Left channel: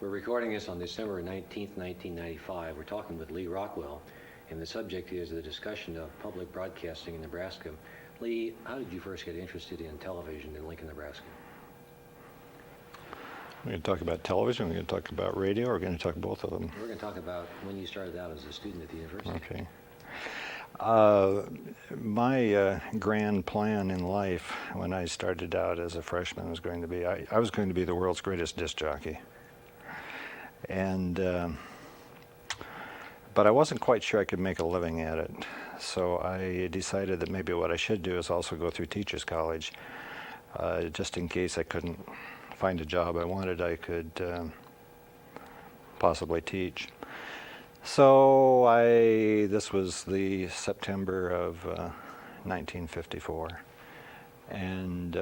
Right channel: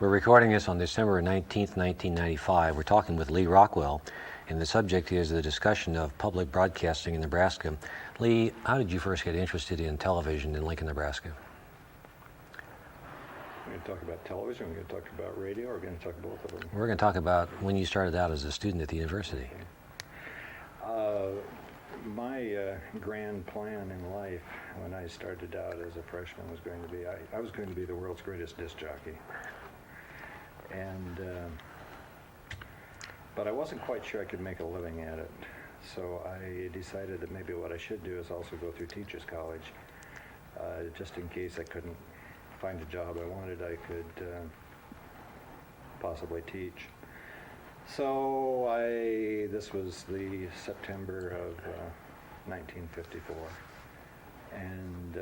We're recording this on December 19th, 1995. We're talking with Lee Rockwell, and the subject is the discussion of public broadcasting in Nebraska. Lee, how did you first get interested in television in Lincoln, Nebraska? We're going to talk about television, we're going to talk about radio, or we're going to talk both of them? We're going to talk about when you started out as a student at the university. Okay. My grand plan in life when I started out as a freshman was going to be, I was going to be the world's greatest disc jockey. And, but I wasn't quite sure I could make a living at it. So I decided that maybe what I should do is also go through teachers college, just in case I couldn't find a job I wanted, I could possibly teach. So this was the September of 1954, and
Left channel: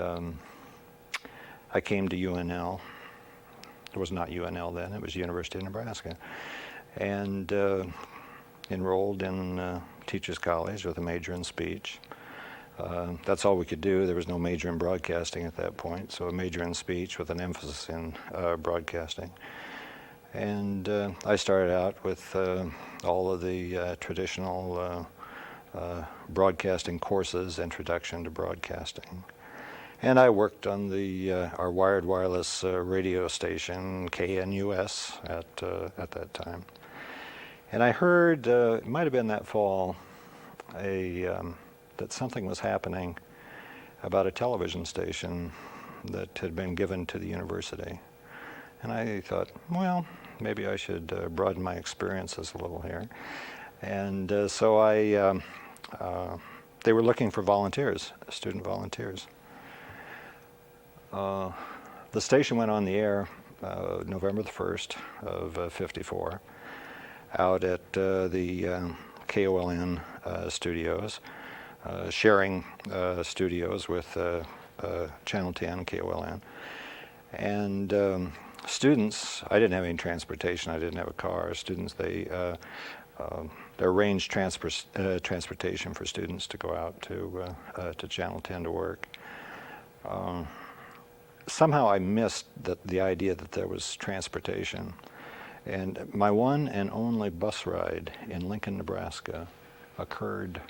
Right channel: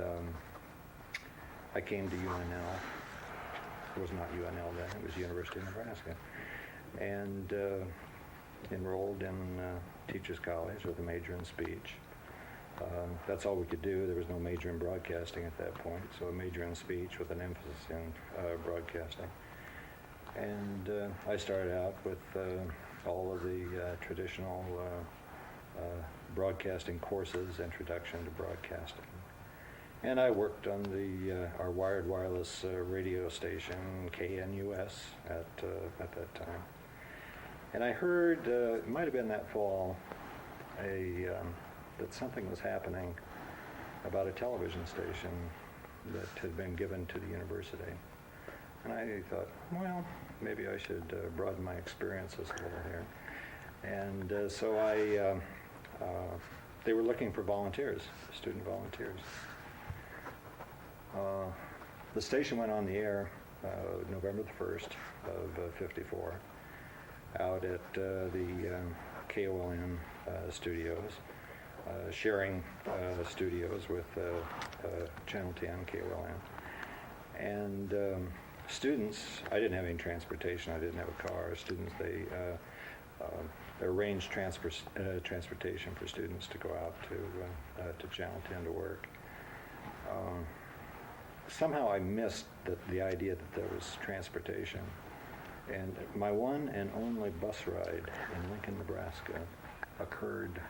I came to UNL. It was not UNL then, it was University of Nebraska, and enrolled in Teachers College with a major in speech. That's all we could do. There was no major in broadcasting at that point, so a major in speech with an emphasis in broadcasting. And I started out with all of the traditional broadcasting courses, Introduction to Broadcasting. And I worked on our wired wireless radio station, KNUS, at that time. And I heard, it might have been that fall, that something was happening about a television station that had been given to the university. And I thought, well, maybe I should broaden my experiences a little here. And so they were looking for volunteers, student volunteers. The station went on the air November the 1st of 54 out at the KOLN studios, sharing studios with Channel 10, KOLN. And students, I didn't have any transportation, I didn't have a car. Students, they arranged transportation for students to go out to Channel 10 to work. Somehow I missed the idea that there was transportation. And my one and only bus ride in Lincoln, Nebraska occurred,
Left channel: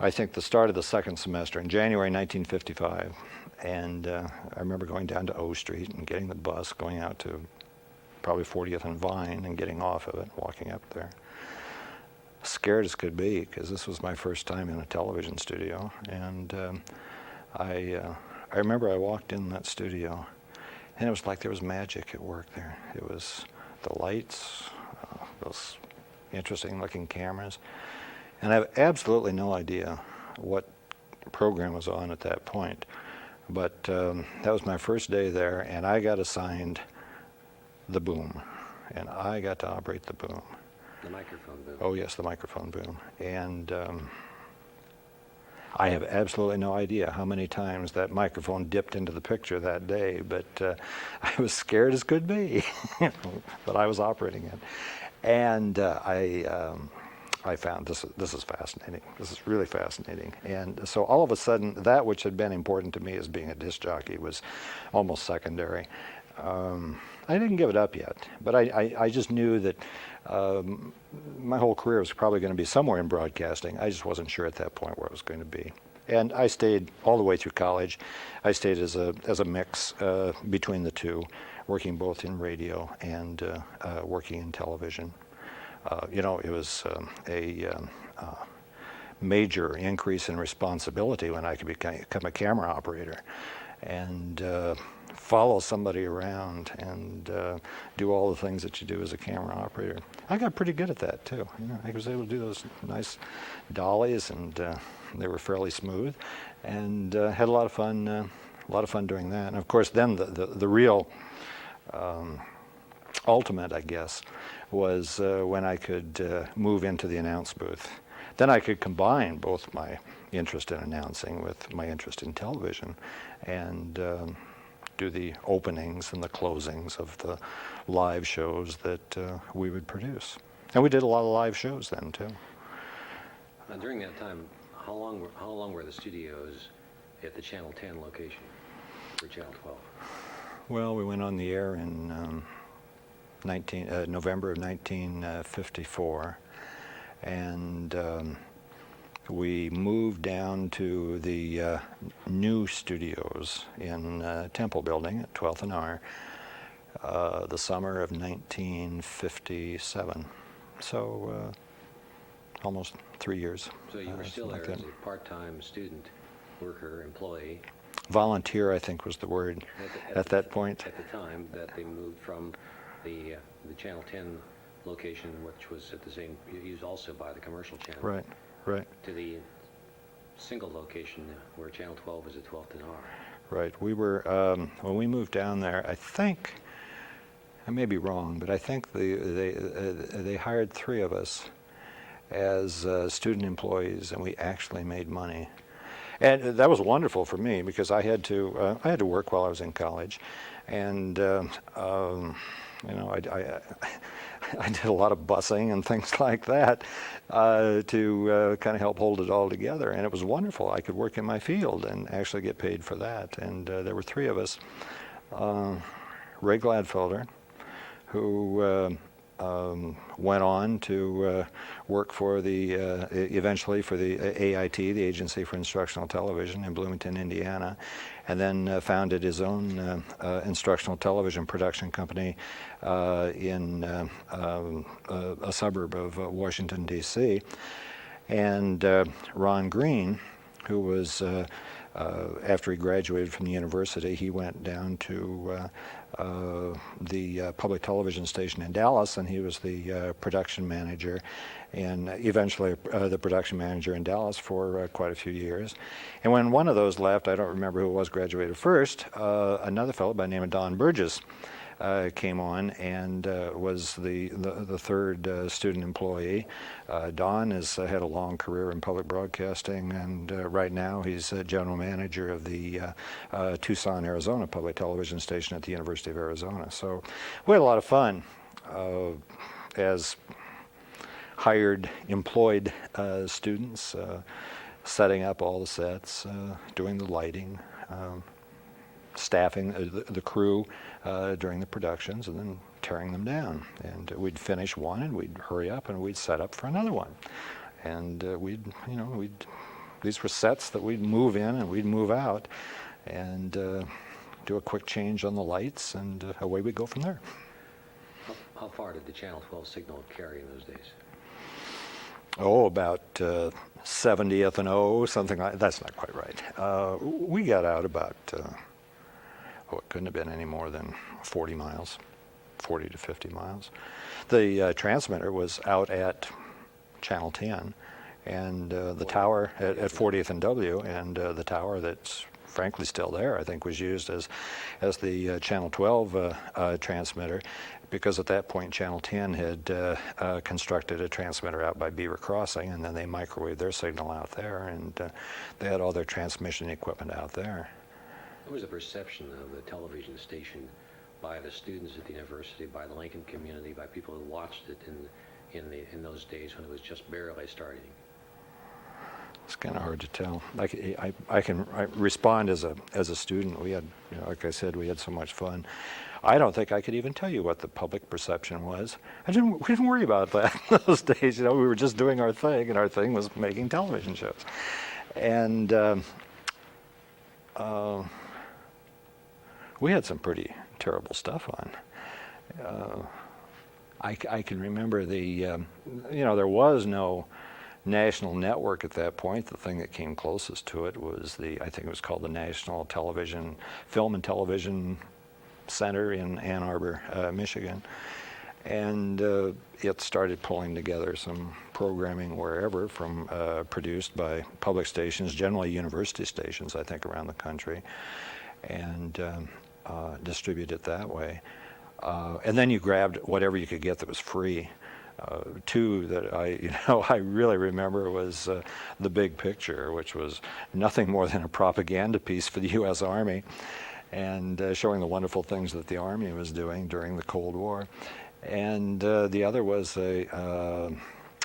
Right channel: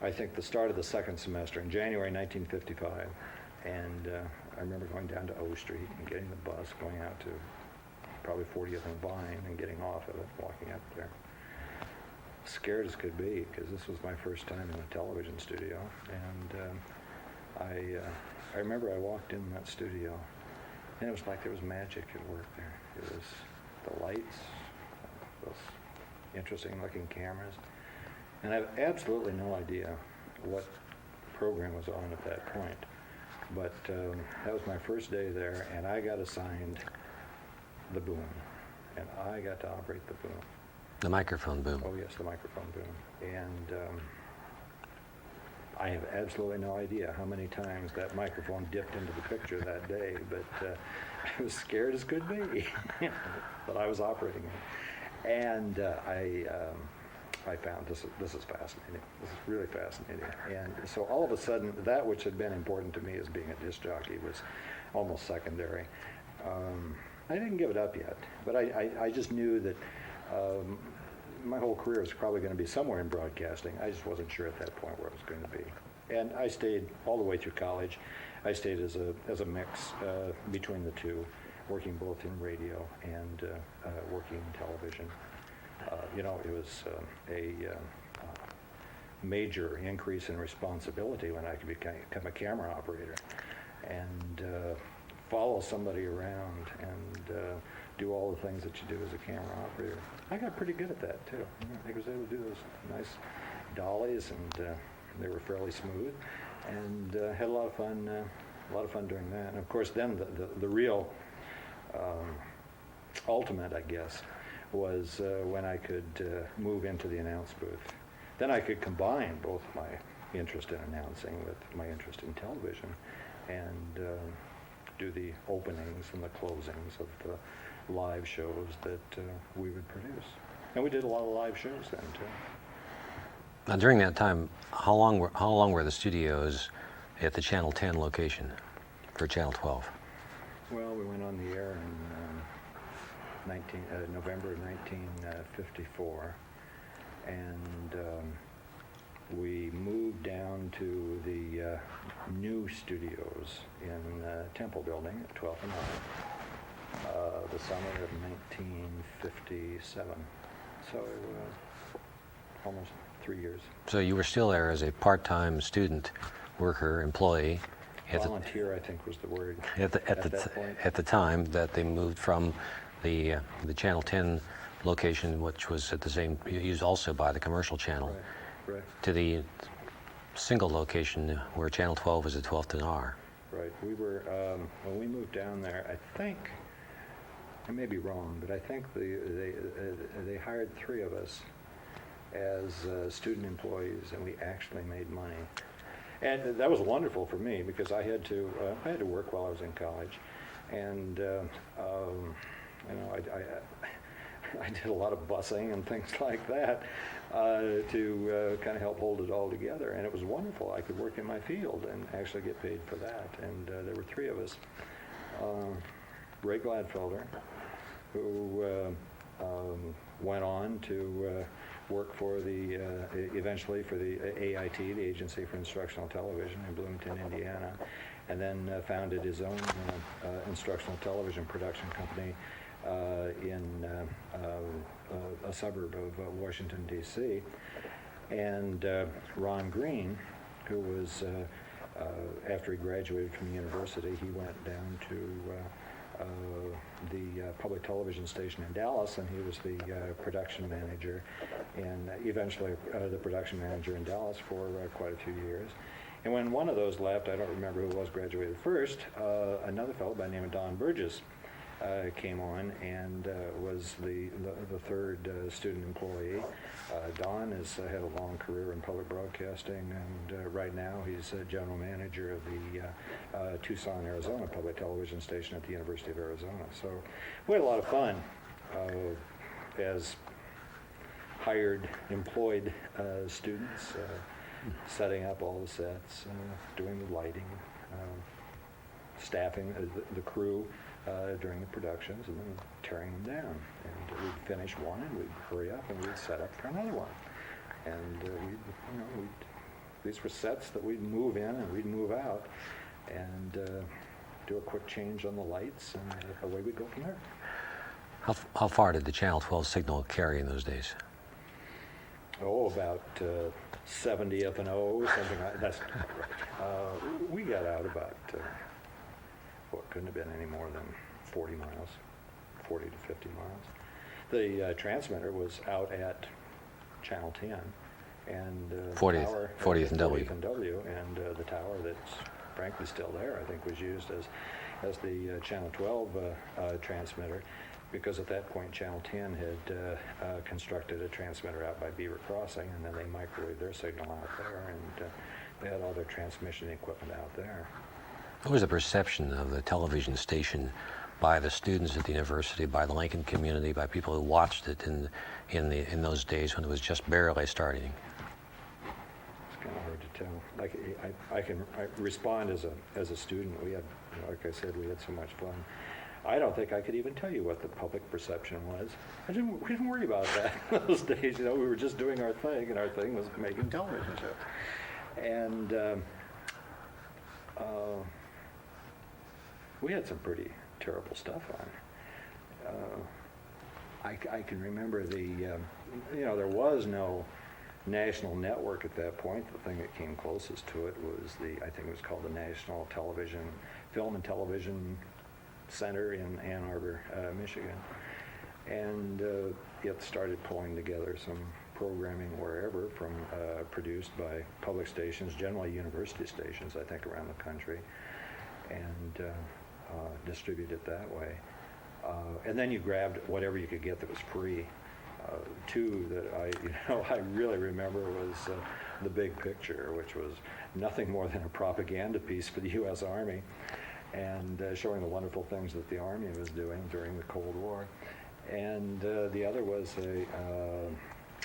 I think, the start of the second semester in January 1955. And I remember going down to O Street and getting the bus, going out to probably 40th and Vine and getting off of it, walking up there. Scared as could be, because this was my first time in a television studio. And I remember I walked in that studio, and it was like there was magic at work there. It was the lights, those interesting looking cameras. And I have absolutely no idea what program was on at that point. But that was my first day there, and I got assigned the boom. And I got to operate the boom. The microphone boom. Oh yes, the microphone boom. And I have absolutely no idea how many times that microphone dipped into the picture that day, but I was scared as could be. But I was operating it. And I found this is fascinating. This is really fascinating. And so all of a sudden, that which had been important to me as being a disc jockey was almost secondary. I didn't give it up yet, but I just knew that my whole career was probably going to be somewhere in broadcasting. I just wasn't sure at that point where it was going to be. And I stayed all the way through college. I stayed as a mix between the two, working both in radio and working in television. It was a major increase in responsibility when I could become a camera operator and follow somebody around and do all the things that you do as a camera operator. I got pretty good at that too. I was able to do those nice dollies, and they were fairly smooth, and had a lot of fun doing that. And of course, then the real ultimate, I guess, was when I could move into the announce booth. Then I could combine both my interest in announcing with my interest in television, and do the openings and the closings of the live shows that we would produce. And we did a lot of live shows then too. Now, during that time, how long were the studios at the Channel 10 location for Channel 12? Well, we went on the air in November of 1954, and we moved down to the new studios in Temple Building at 12th and R, the summer of 1957. So almost 3 years. So you were still there as a part-time student, worker, employee. Volunteer, I think, was the word at that point. At the time that they moved from the Channel 10 location, which was at the same, used also by the commercial channel, Right, right. to the single location where Channel 12 was at 12th and R. Right. We were, when we moved down there, I think, I may be wrong, but I think they hired 3 of us as student employees, and we actually made money. And that was wonderful for me because I had to work while I was in college, and I did a lot of busing and things like that to kind of help hold it all together, and it was wonderful. I could work in my field and actually get paid for that. And there were 3 of us. Ray Gladfelder, who went on to work for eventually for the AIT, the Agency for Instructional Television in Bloomington, Indiana, and then founded his own instructional television production company in a suburb of Washington, D.C. And Ron Green, who was, after he graduated from the university, he went down to the public television station in Dallas, and he was the production manager, and eventually the production manager in Dallas for quite a few years. And when one of those left, I don't remember who it was graduated first, another fellow by the name of Don Burgess came on and was the third student employee. Don has had a long career in public broadcasting, and right now he's general manager of the Tucson, Arizona public television station at the University of Arizona. So we had a lot of fun as hired, employed students, setting up all the sets, doing the lighting, staffing the crew during the productions, and then tearing them down. And we'd finish one, and we'd hurry up, and we'd set up for another one. And these were sets that we'd move in and we'd move out, and do a quick change on the lights, and away we go from there. How far did the Channel 12 signal carry in those days? Oh, about 70th and O, something like that. That's not quite right. We got out about, it couldn't have been any more than 40 miles, 40 to 50 miles. The transmitter was out at Channel 10, and the 40th, tower at 40th and W, and the tower that's frankly still there, I think, was used as the Channel 12 transmitter, because at that point Channel 10 had constructed a transmitter out by Beaver Crossing, and then they microwaved their signal out there, and they had all their transmission equipment out there. What was the perception of the television station by the students at the university, by the Lincoln community, by people who watched it in those days when it was just barely starting? It's kind of hard to tell. I can respond as a student. We had, like I said, we had so much fun. I don't think I could even tell you what the public perception was. We didn't worry about that in those days. We were just doing our thing, and our thing was making television shows. And we had some pretty terrible stuff on. I can remember there was no national network at that point. The thing that came closest to it was I think it was called the National Film and Television Center in Ann Arbor, Michigan. And it started pulling together some programming wherever, from produced by public stations, generally university stations, I think, around the country, and distribute it that way. And then you grabbed whatever you could get that was free. Two that I really remember was The Big Picture, which was nothing more than a propaganda piece for the U.S. Army, and showing the wonderful things that the Army was doing during the Cold War. And the other was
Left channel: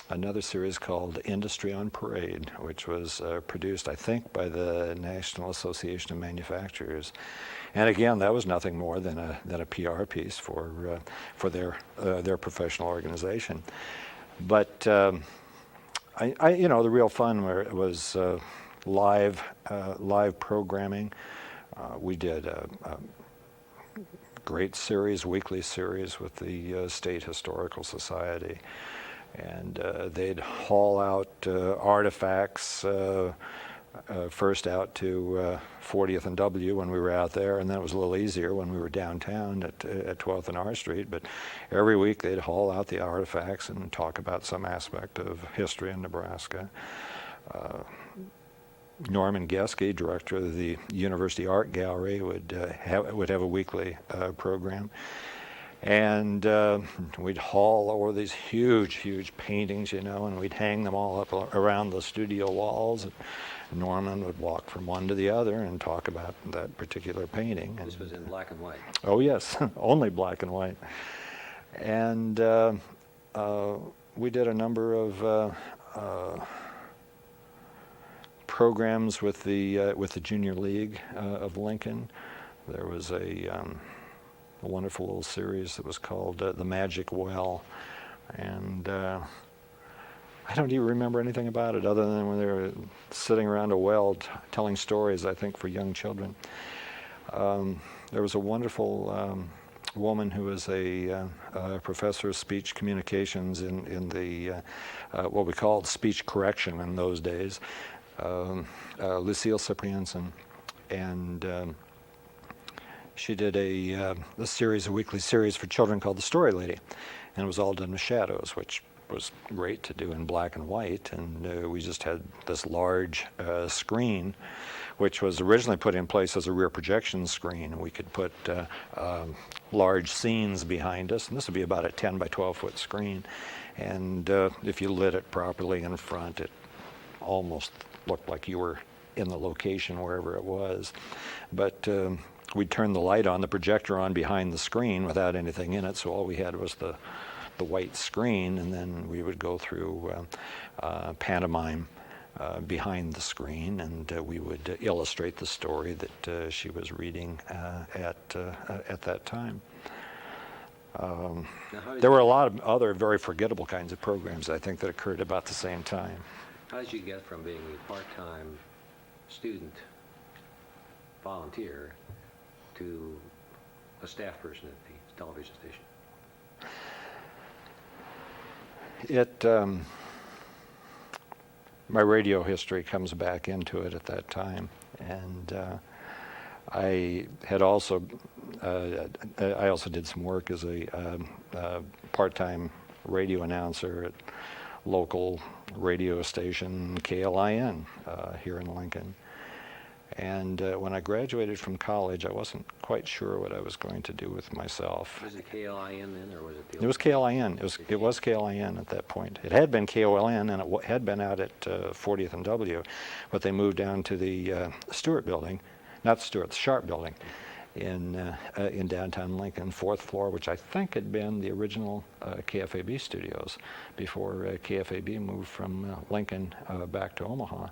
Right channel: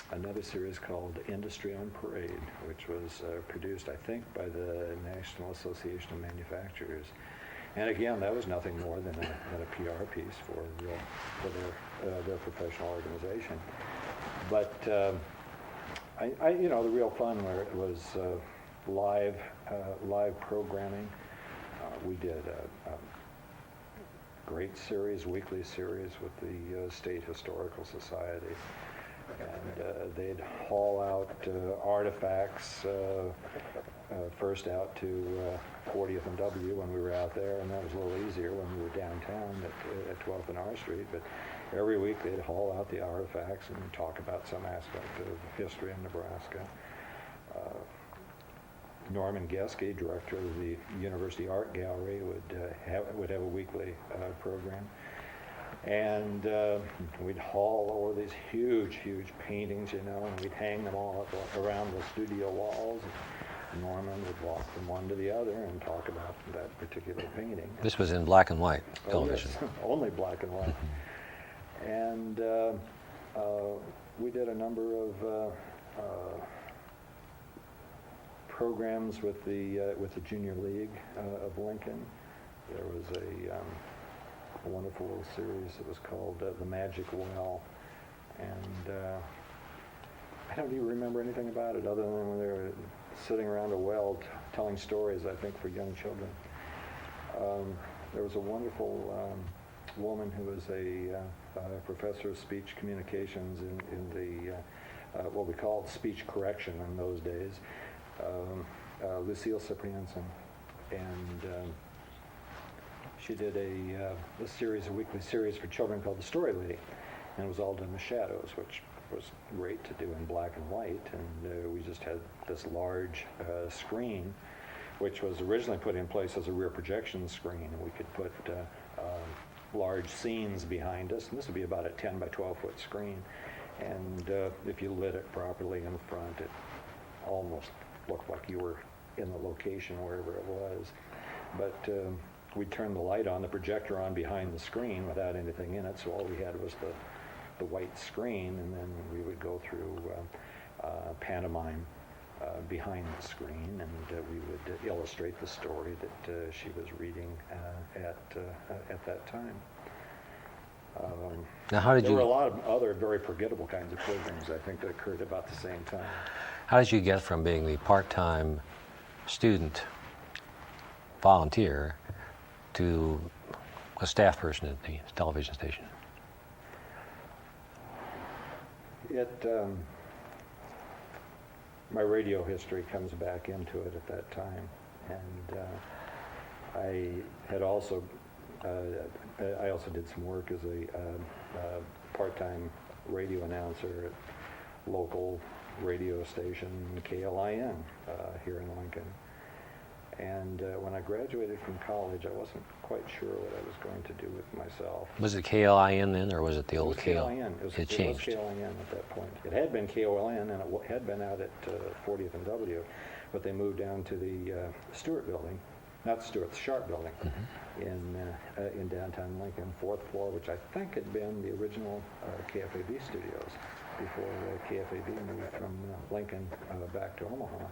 another series called Industry on Parade, which was produced, I think, by the National Association of Manufacturers. And again, that was nothing more than a PR piece for their professional organization. But the real fun was live programming. We did a great series, weekly series with the State Historical Society, and they'd haul out artifacts. First out to 40th and W when we were out there, and then it was a little easier when we were downtown at 12th and R Street. But every week they'd haul out the artifacts and talk about some aspect of history in Nebraska. Norman Geske, director of the University Art Gallery, would have a weekly program. And we'd haul over these huge paintings, and we'd hang them all up around the studio walls. Norman would walk from one to the other and talk about that particular painting. This was in black and white. Oh, yes, only black and white. And we did a number of programs with the Junior League of Lincoln. There was a wonderful little series that was called The Magic Well, and I don't even remember anything about it other than when they were sitting around a well telling stories, I think, for young children. There was a wonderful woman who was a professor of speech communications in the what we called speech correction in those days, Lucille Cyprianson, and she did a weekly series for children called The Story Lady, and it was all done with shadows, which was great to do in black and white. And we just had this large screen, which was originally put in place as a rear projection screen. We could put large scenes behind us, and this would be about a 10 by 12 foot screen. And if you lit it properly in front, it almost looked like you were in the location wherever it was. But we'd turn the light on, the projector on behind the screen without anything in it, so all we had was the white screen, and then we would go through pantomime behind the screen, and we would illustrate the story that she was reading at that time. There were a lot of other very forgettable kinds of programs, I think, that occurred about the same time. How did you get from being the part-time student volunteer to a staff person at the television station? My radio history comes back into it at that time, and I also did some work as a part-time radio announcer at local radio station KLIN here in Lincoln. And when I graduated from college, I wasn't quite sure what I was going to do with myself. Was it KLIN then, or was it the old? It was KLIN. It was KLIN at that point. It had been KOLN, and it had been out at 40th and W, but they moved down to the Stewart building, not Stewart, the Sharp building, in downtown Lincoln, 4th floor, which I think had been the original KFAB studios before KFAB moved from Lincoln back to Omaha.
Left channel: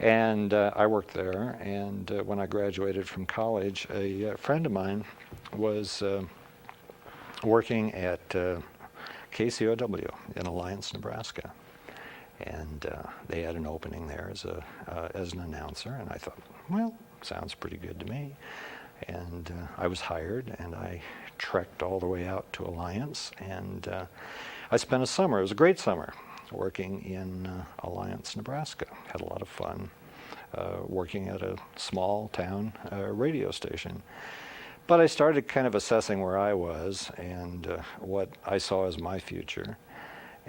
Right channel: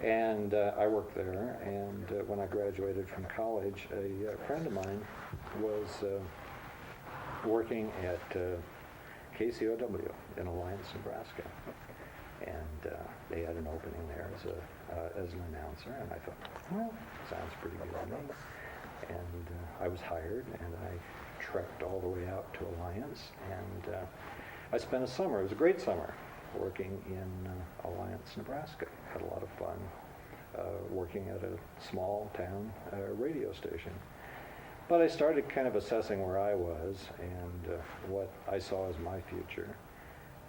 And I worked there, and when I graduated from college, a friend of mine was working at KCOW in Alliance, Nebraska. And they had an opening there as an announcer, and I thought, well, sounds pretty good to me. And I was hired, and I trekked all the way out to Alliance, and I spent a summer. It was a great summer, working in Alliance, Nebraska. Had a lot of fun working at a small town radio station. But I started kind of assessing where I was and what I saw as my future.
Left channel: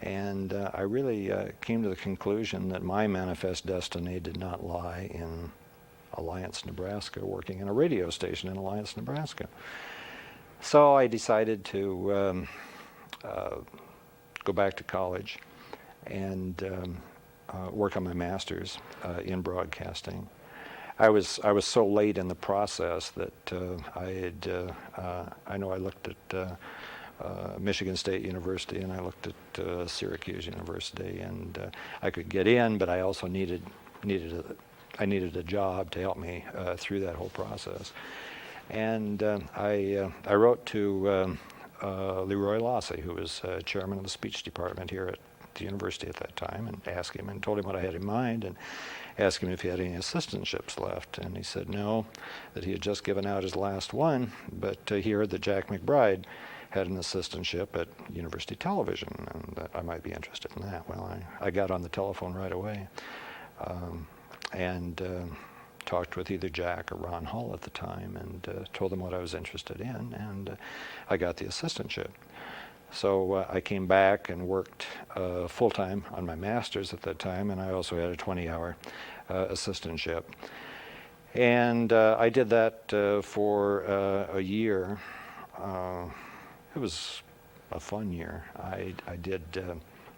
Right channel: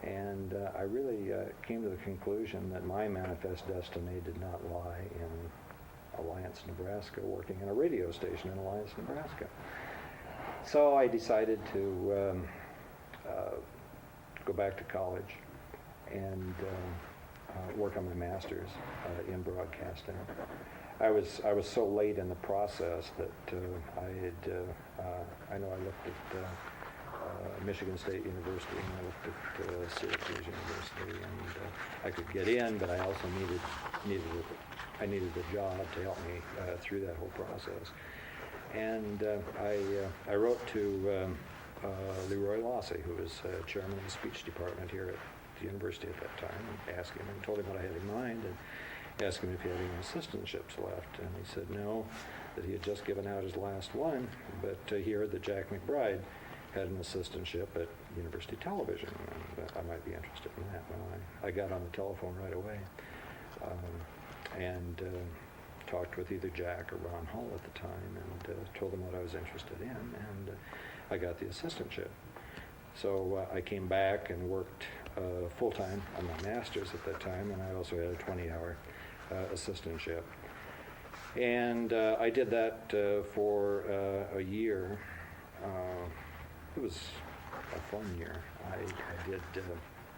And I really came to the conclusion that my manifest destiny did not lie in Alliance, Nebraska, working in a radio station in Alliance, Nebraska. So I decided to go back to college and work on my master's in broadcasting. I was so late in the process that I looked at Michigan State University, and I looked at Syracuse University, and I could get in, but I also needed I needed a job to help me through that whole process. And I wrote to Leroy Lossy, who was chairman of the speech department here at the university at that time, and asked him and told him what I had in mind, and asked him if he had any assistantships left. And he said no, that he had just given out his last one, but he heard that Jack McBride had an assistantship at University Television, and that I might be interested in that. Well, I got on the telephone right away, and talked with either Jack or Ron Hull at the time, and told them what I was interested in, and I got the assistantship. So I came back and worked full-time on my master's at that time, and I also had a 20-hour assistantship. And I did that for a year. It was a fun year. I did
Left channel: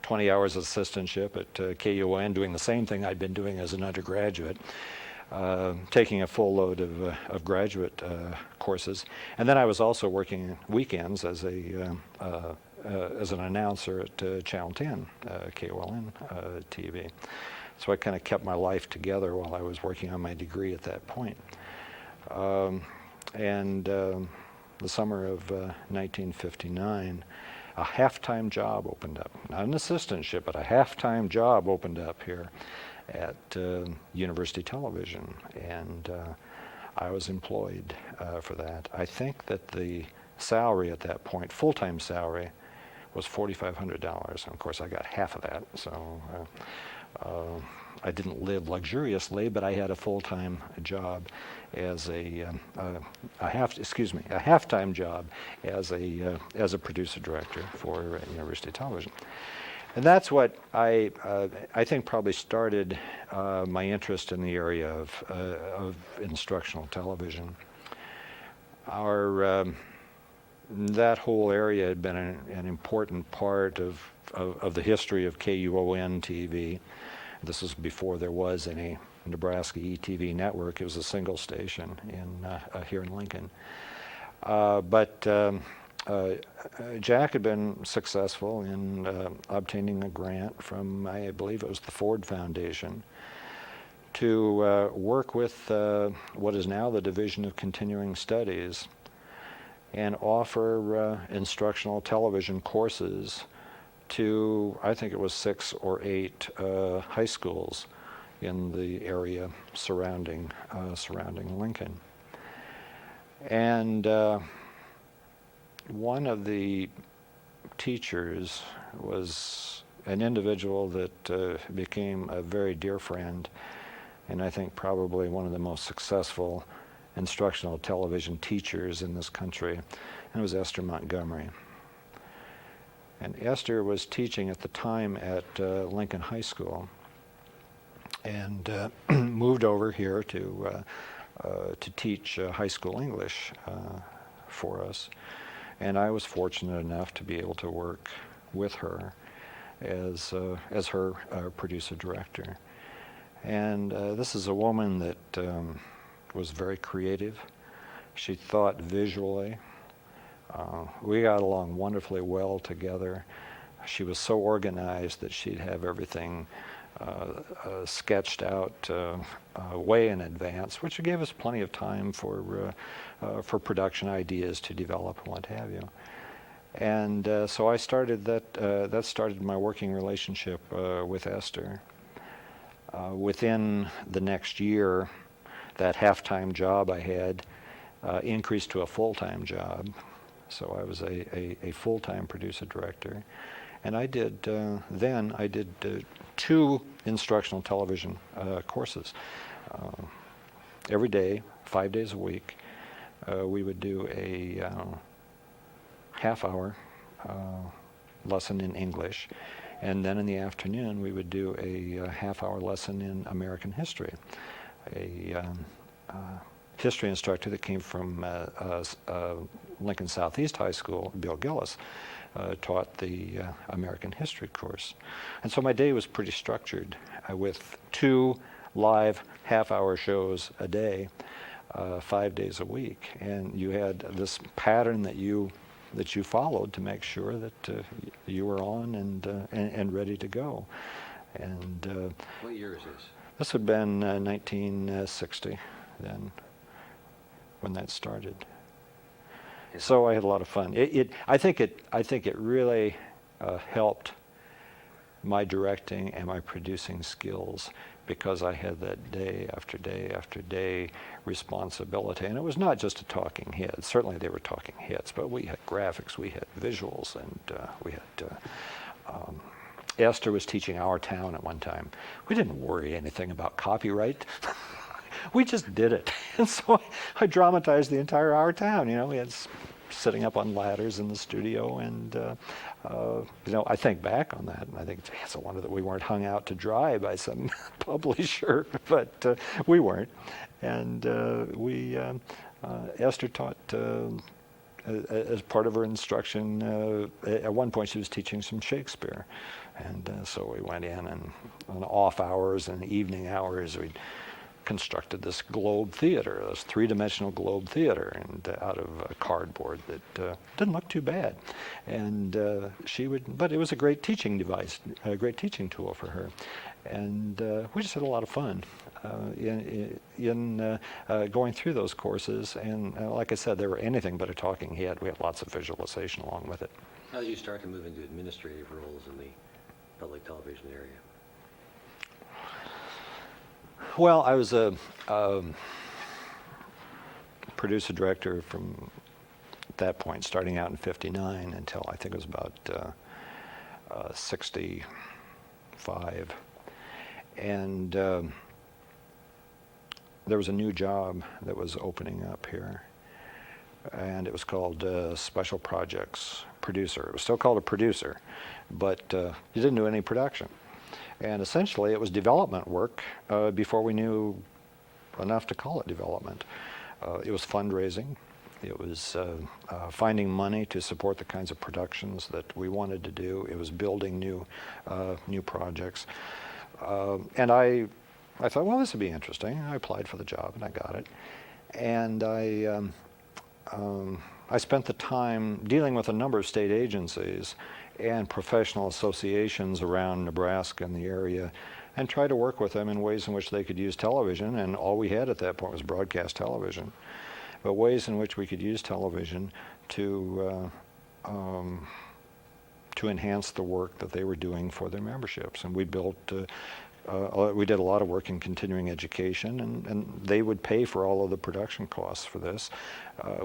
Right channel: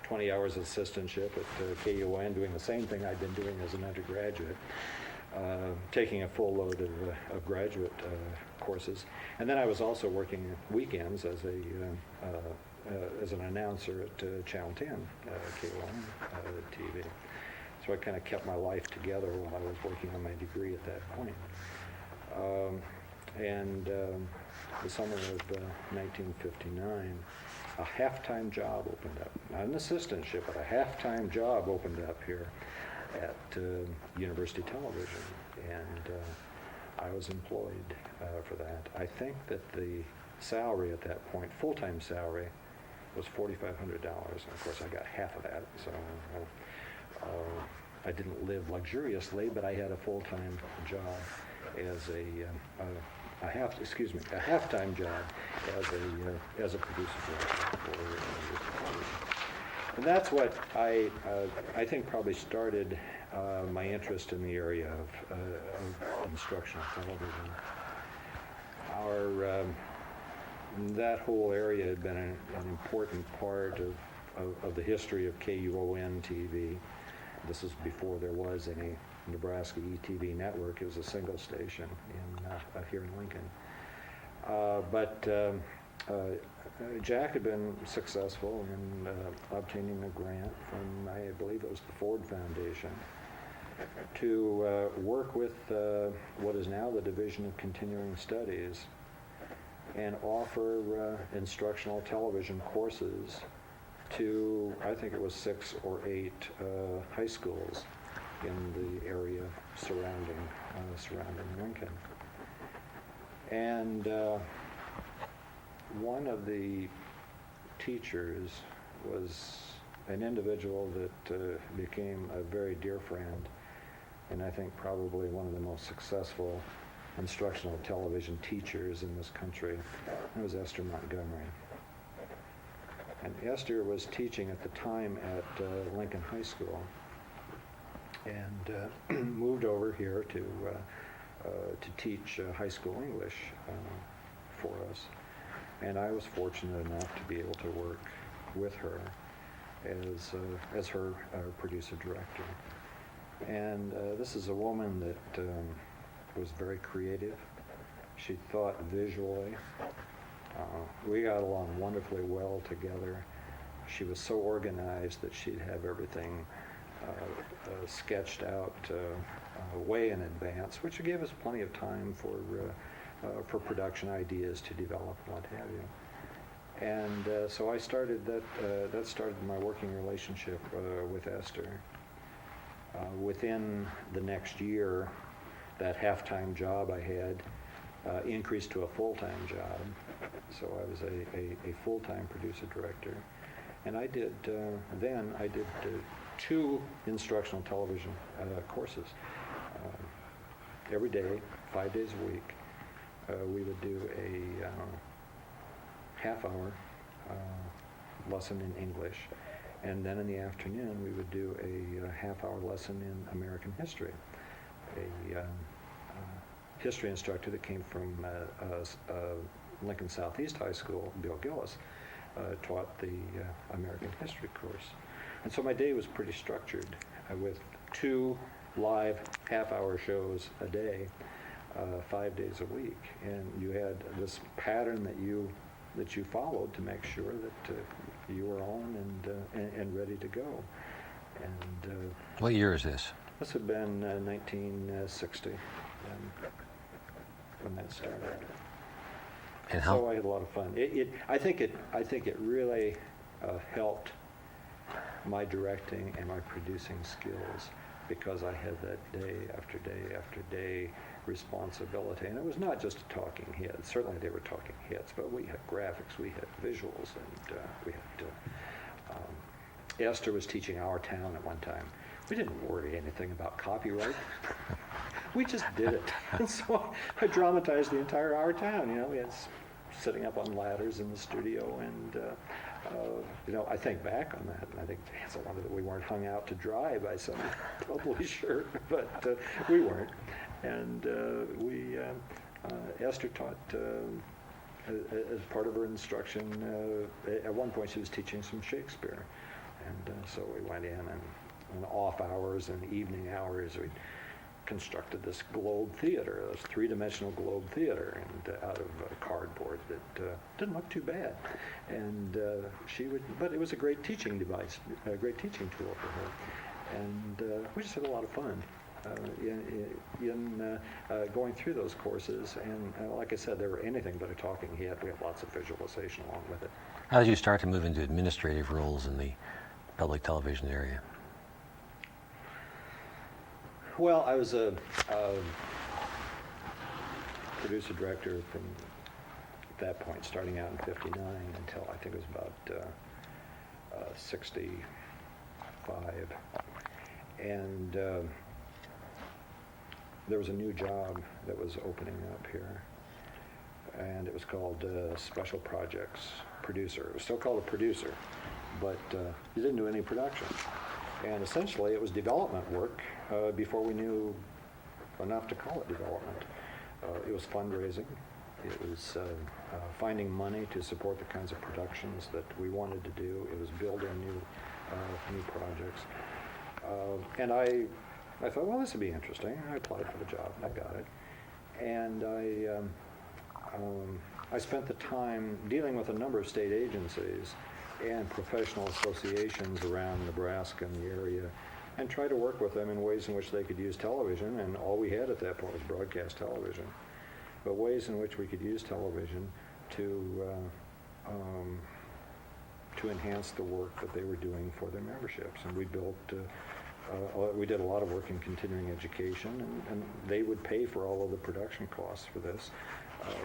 20 hours assistantship at KUN, doing the same thing I'd been doing as an undergraduate, taking a full load of graduate courses. And then I was also working weekends as an announcer at Channel 10, KUN TV. So I kind of kept my life together while I was working on my degree at that point. The summer of 1959, a half-time job opened up. Not an assistantship, but a half-time job opened up here at University Television, and I was employed for that. I think that the salary at that point, full-time salary, was $4,500, and of course I got half of that. So I didn't live luxuriously, but I had a full-time job as a half-time job as a producer director for University Television. And that's what I think probably started my interest in the area of instructional television. That whole area had been an important part of the history of KUON TV. This was before there was any Nebraska ETV network. It was a single station here in Lincoln. But Jack had been successful in obtaining a grant from, I believe it was the Ford Foundation, to work with what is now the Division of Continuing Studies and offer instructional television courses to, I think it was 6 or 8 high schools in the area surrounding Lincoln. And one of the teachers was an individual that became a very dear friend, and I think probably one of the most successful instructional television teachers in this country, and it was Esther Montgomery. And Esther was teaching at the time at Lincoln High School, and moved over here to teach high school English for us. And I was fortunate enough to be able to work with her as her producer director. And this is a woman that was very creative. She thought visually. We got along wonderfully well together. She was so organized that she'd have everything sketched out way in advance, which gave us plenty of time for production ideas to develop and what have you. And so I started that started my working relationship with Esther. Within the next year, that half-time job I had increased to a full-time job. So I was a full-time producer director. And I did, then I did 2 instructional television courses. Every day, 5 days a week, we would do a half-hour lesson in English, and then in the afternoon we would do a half-hour lesson in American history. A history instructor that came from Lincoln Southeast High School, Bill Gillis, taught the American history course. And so my day was pretty structured with 2 live half-hour shows a day, 5 days a week. And you had this pattern that you followed to make sure that you were on and ready to go. And What year is this? This would have been 1960 then, when that started. And So I had a lot of fun. I think it really helped my directing and my producing skills, because I had that day after day after day responsibility. And it was not just a talking head. Certainly they were talking heads, but we had graphics, we had visuals, and we had Esther was teaching our town at one time. We didn't worry anything about copyright. We just did it. And so I dramatized the entire our town. You know, we had sitting up on ladders in the studio, and you know, I think back on that, and I think it's a wonder that we weren't hung out to dry by some publisher, but we weren't. And Esther taught as part of her instruction. At one point, she was teaching some Shakespeare, and so we went in, and on off hours and evening hours, we constructed this globe theater, this three-dimensional globe theater, and out of cardboard that didn't look too bad. And but it was a great teaching device, a great teaching tool for her. And we just had a lot of fun in going through those courses. And like I said, they were anything but a talking head. We had lots of visualization along with it. how did you start to move into administrative roles in the public television area? Well, I was a producer director from at that point, starting out in '59 until I think it was about '65, and there was a new job that was opening up here, and it was called Special Projects Producer. It was still called a producer, but you didn't do any production. And essentially, it was development work before we knew enough to call it development. It was fundraising. It was finding money to support the kinds of productions that we wanted to do. It was building new projects. And I thought, well, this would be interesting. I applied for the job, and I got it. And I spent the time dealing with a number of state agencies and professional associations around Nebraska and the area, and try to work with them in ways in which they could use television. And all we had at that point was broadcast television, but ways in which we could use television to enhance the work that they were doing for their memberships. And we built, we did a lot of work in continuing education, and they would pay for all of the production costs for this.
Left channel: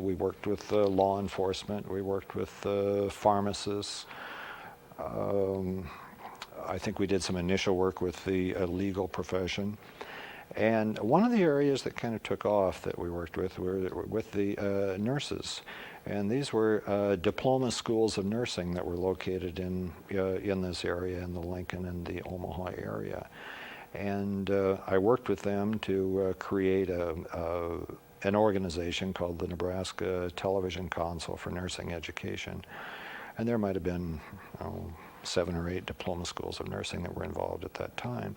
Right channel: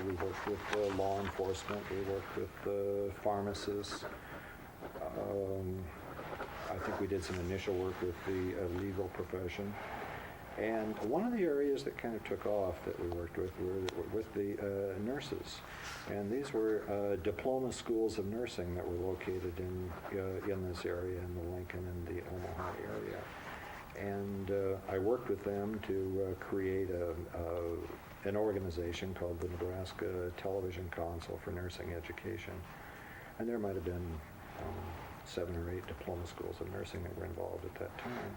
We worked with law enforcement. We worked with pharmacists. I think we did some initial work with the legal profession. And one of the areas that kind of took off that we worked with were with the nurses. And these were diploma schools of nursing that were located in this area, in the Lincoln and the Omaha area. And I worked with them to create an organization called the Nebraska Television Council for Nursing Education. And there might have been 7 or 8 diploma schools of nursing that were involved at that time.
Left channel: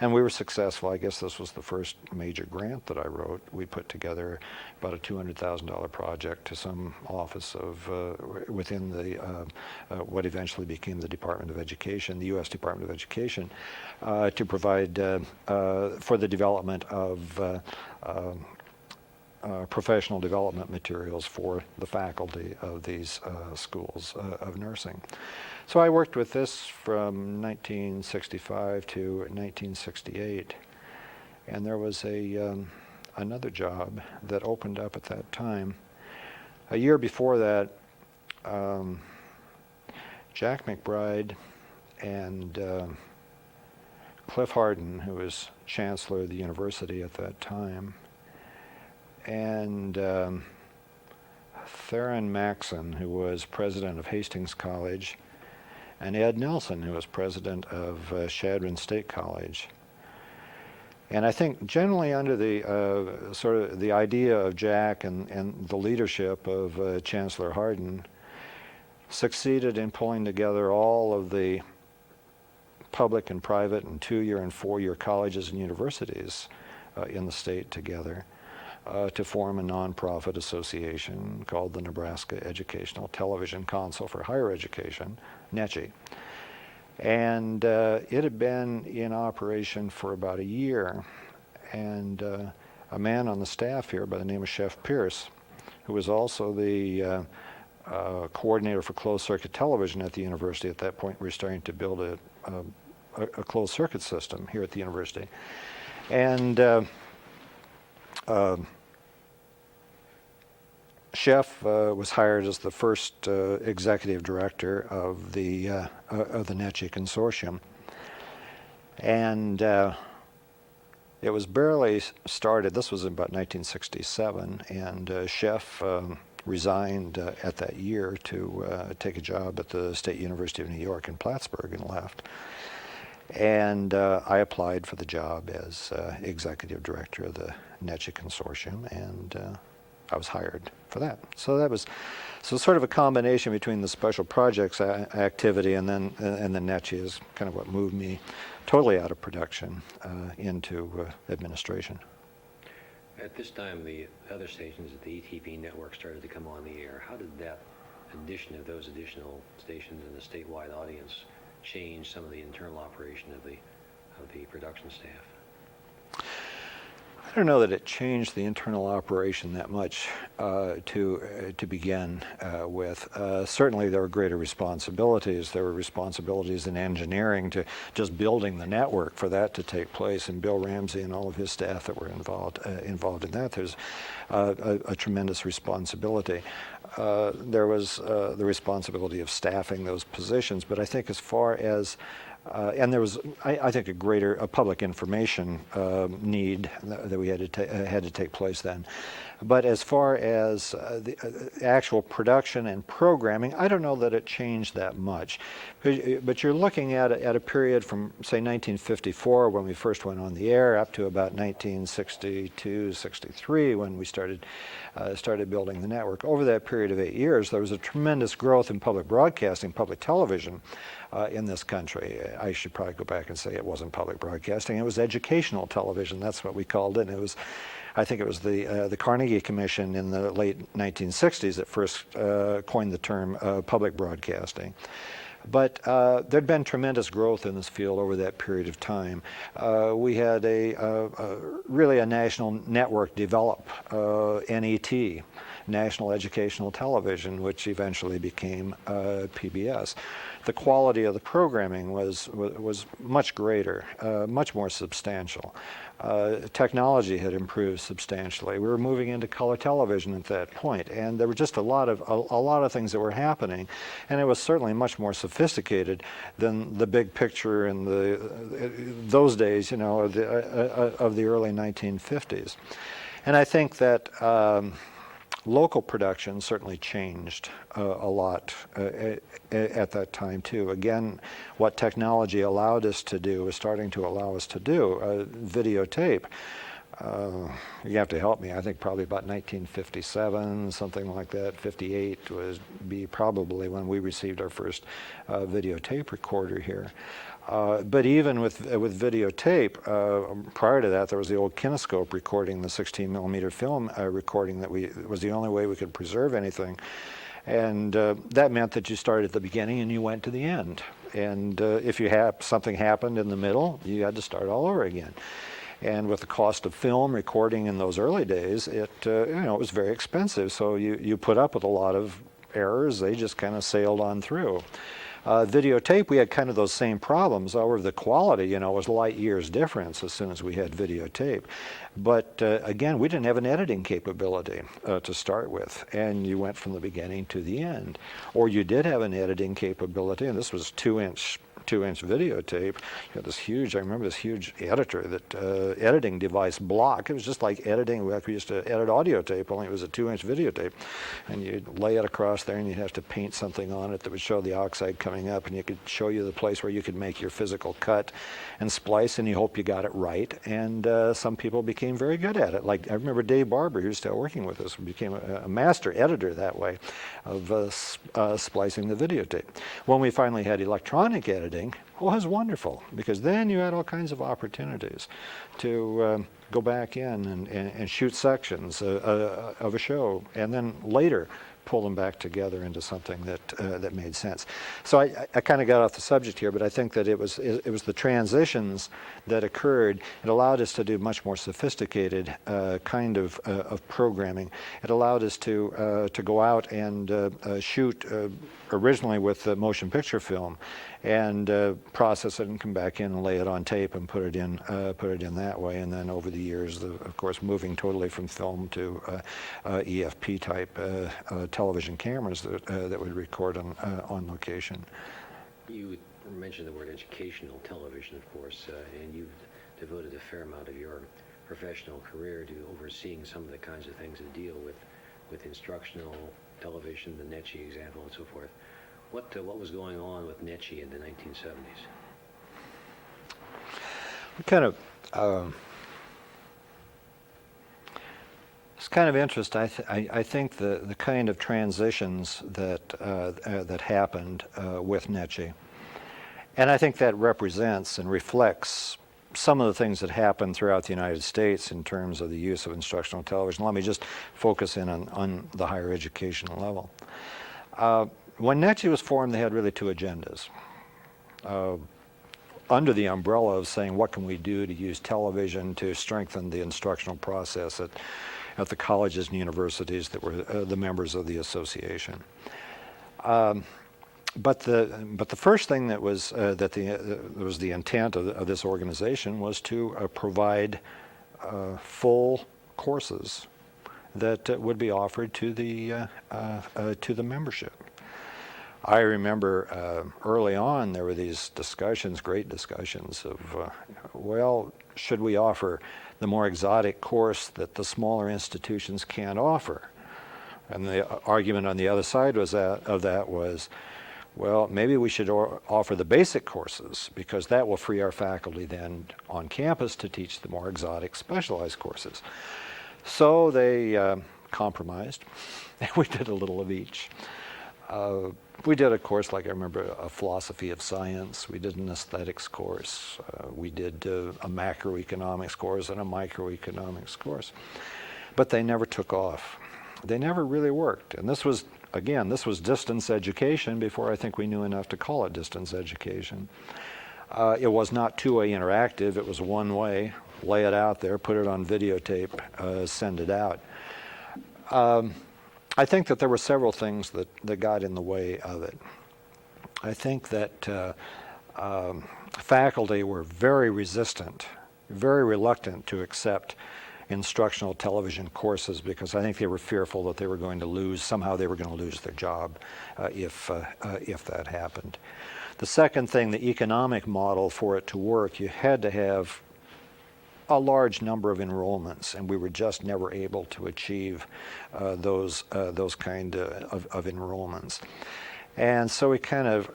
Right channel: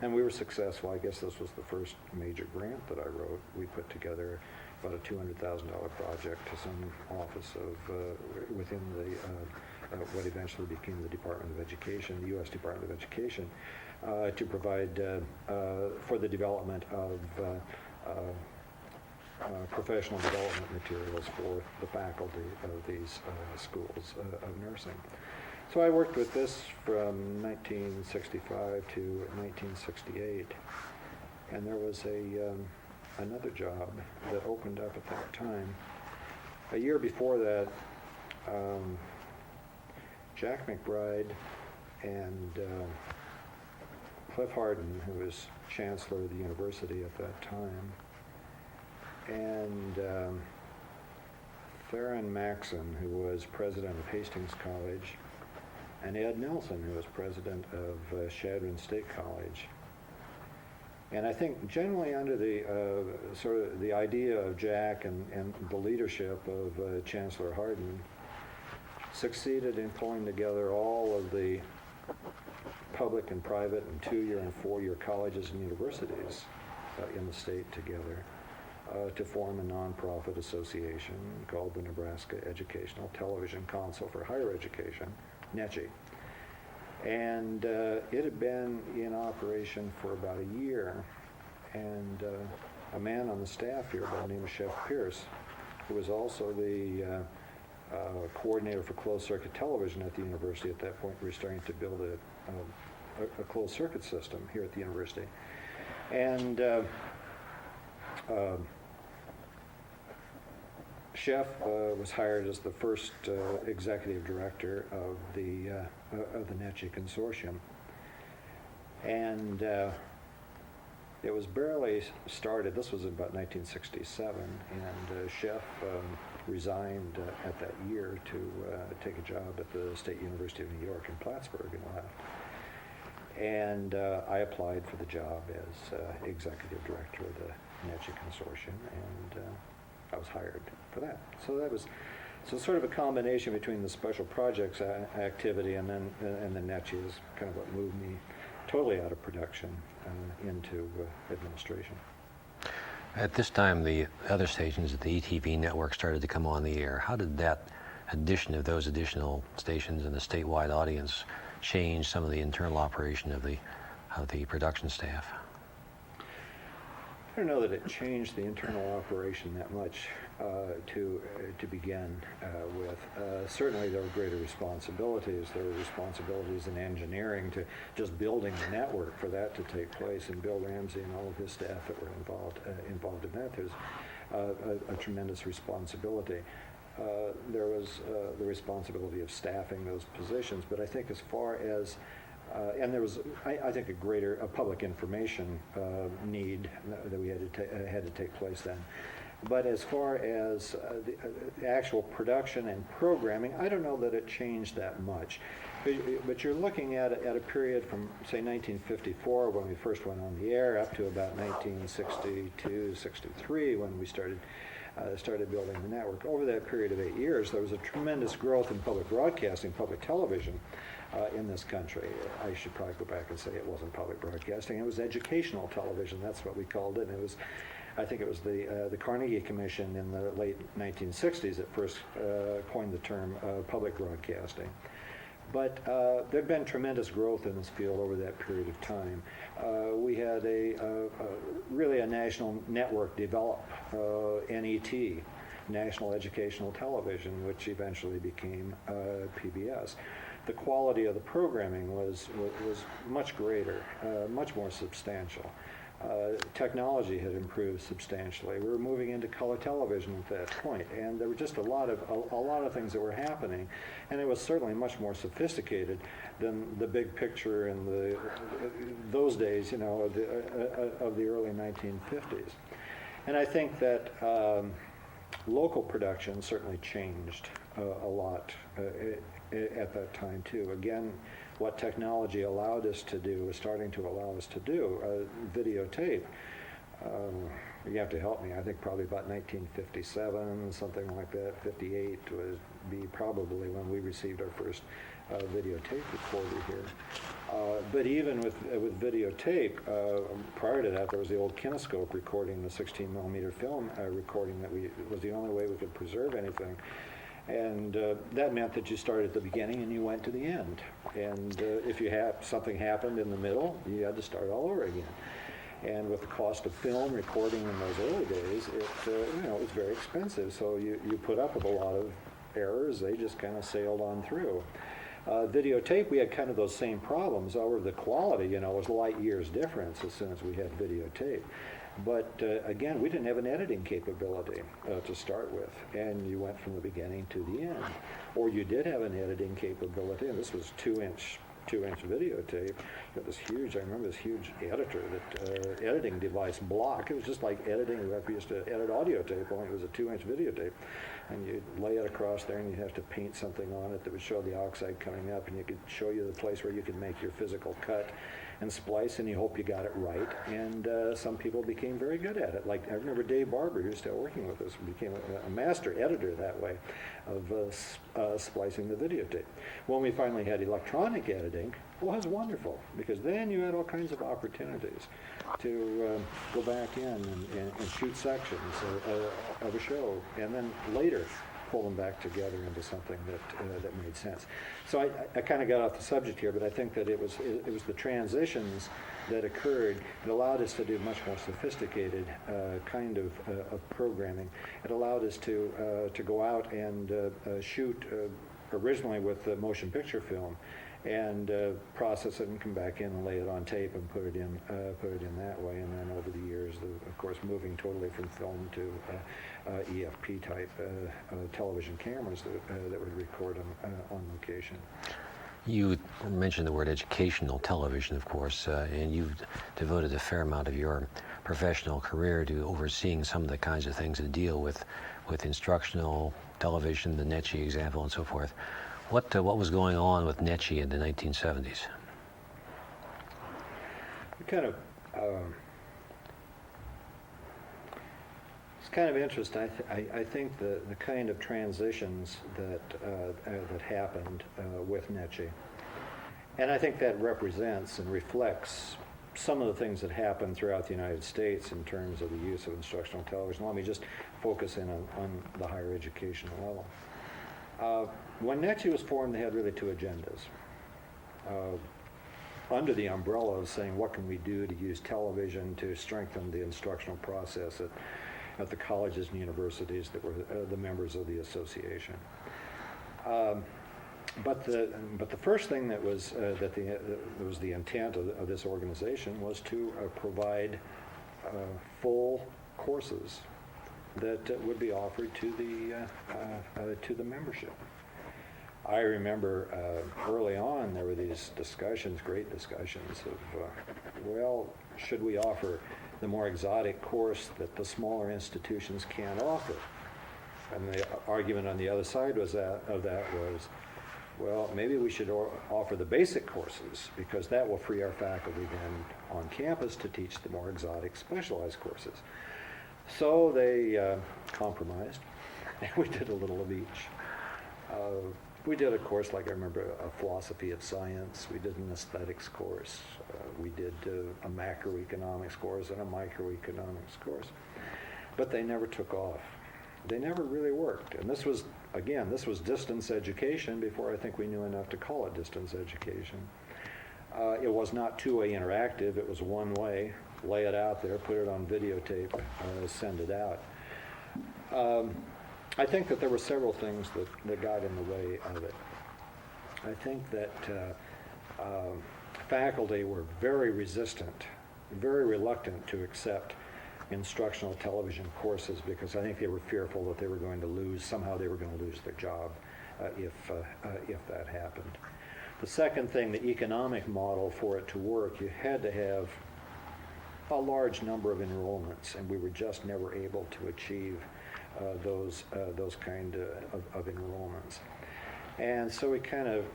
And we were successful. I guess this was the first major grant that I wrote. We put together about a $200,000 project to some office of within the what eventually became the Department of Education, the U.S. Department of Education, to provide for the development of professional development materials for the faculty of these schools of nursing. So I worked with this from 1965 to 1968, and there was another job that opened up at that time. A year before that, Jack McBride and Cliff Hardin, who was chancellor of the university at that time, and Theron Maxon, who was president of Hastings College, and Ed Nelson, who was president of Chadron State College. And I think generally under the sort of the idea of Jack and the leadership of Chancellor Hardin, succeeded in pulling together all of the public and private and 2-year and 4-year colleges and universities in the state together to form a nonprofit association called the Nebraska Educational Television Council for Higher Education, NECHI. And it had been in operation for about a year. And a man on the staff here by the name of Chef Pierce, who was also the coordinator for closed-circuit television at the university. At that point, we were starting to build a closed-circuit system here at the university. And Chef was hired as the first executive director of the NETCHI consortium. And it was barely started. This was about 1967, and Chef resigned at that year to take a job at the State University of New York in Plattsburgh and left. And I applied for the job as executive director of the NETCHI consortium, and I was hired for that. So that was sort of a combination between the special projects activity and then NETCHI is kind of what moved me totally out of production into administration. At this time, the other stations at the ETV network started to come on the air. How did that addition of those additional stations and the statewide audience change some of the internal operation of the production staff? I don't know that it changed the internal operation that much to begin with. Certainly there were greater responsibilities. There were responsibilities in engineering to just building the network for that to take place, and Bill Ramsey and all of his staff that were involved in that. There's a tremendous responsibility. There was the responsibility of staffing those positions, but I think as far as and there was, I think, a public information need that we had to take place then. But as far as the actual production and programming, I don't know that it changed that much. But you're looking at a period from, say, 1954, when we first went on the air, up to about 1962, 63, when we started building the network. Over that period of 8 years, there was a tremendous growth in public broadcasting, public television in this country. I should probably go back and say it wasn't public broadcasting, it was educational television. That's what we called it. And it was, I think it was the Carnegie Commission in the late 1960s that first coined the term public broadcasting. But there'd been tremendous growth in this field over that period of time. We had really a national network develop, NET, National Educational Television, which eventually became PBS. The quality of the programming was much greater, much more substantial. Technology had improved substantially. We were moving into color television at that point, and there were just a lot of things that were happening, and it was certainly much more sophisticated than the big picture in those days, you know, of the early 1950s. And I think that local production certainly changed a lot at that time too. Again, what technology allowed us to do was starting to allow us to do videotape. You have to help me. I think probably about 1957, something like that. 58 was probably when we received our first videotape recorder here. But even with videotape, prior to that, there was the old kinescope recording, the 16 millimeter film recording that was the only way we could preserve anything. And that meant that you started at the beginning and you went to the end. And if something happened in the middle, you had to start all over again. And with the cost of film recording in those early days, it was very expensive. So you put up with a lot of errors. They just kind of sailed on through. Videotape, we had kind of those same problems. However, the quality, was light years difference as soon as we had videotape. But again, we didn't have an editing capability to start with, and you went from the beginning to the end. Or you did have an editing capability, and this was two-inch videotape. You had this huge, I remember this huge editor, that editing device block. It was just like editing, we used to edit audio tape, only it was a 2-inch videotape. And you'd lay it across there and you'd have to paint something on it that would show the oxide coming up, and you could show you the place where you could make your physical cut and splice, and you hope you got it right. And some people became very good at it. Like I remember Dave Barber, who's still working with us, became a master editor that way of splicing the videotape. When we finally had electronic editing, it was wonderful, because then you had all kinds of opportunities to go back in and shoot sections of a show, and then later pull them back together into something that made sense. So I kind of got off the subject here, but I think that it was the transitions that occurred. It allowed us to do much more sophisticated kind of programming. It allowed us to go out and shoot originally with motion picture film, and process it and come back in and lay it on tape and put it in that way. And then over the years, of course, moving totally from film to EFP type television cameras that would record on location. You mentioned the word educational television, of course, and you've devoted a fair amount of your professional career to overseeing some of the kinds of things that deal with instructional television, the NETCHI example, and so forth. What was going on with NETCHI in the 1970s? It's kind of interesting. I think the kind of transitions that happened with NETCHI, and I think that represents and reflects some of the things that happened throughout the United States in terms of the use of instructional television. Let me just focus in on the higher education level. When NETCHI was formed, they had really two agendas. Under the umbrella of saying, what can we do to use television to strengthen the instructional process at the colleges and universities that were the members of the association. But the first thing that was the intent of this organization was to provide full courses that would be offered to the membership. I remember early on there were these discussions, great discussions of, well, should we offer the more exotic course that the smaller institutions can't offer? And the argument on the other side was well, maybe we should offer the basic courses, because that will free our faculty then on campus to teach the more exotic specialized courses. So they compromised, and we did a little of each. We did a course, like I remember, a philosophy of science. We did an aesthetics course. We did a macroeconomics course and a microeconomics course. But they never took off. They never really worked. And this was distance education before I think we knew enough to call it distance education. It was not two-way interactive. It was one way. Lay it out there, put it on videotape, send it out. I think that there were several things that got in the way of it. I think that faculty were very resistant, very reluctant to accept instructional television courses, because I think they were fearful that they were going to lose their job if that happened. The second thing, the economic model for it to work, you had to have a large number of enrollments, and we were just never able to achieve those kind of enrollments. And so we kind of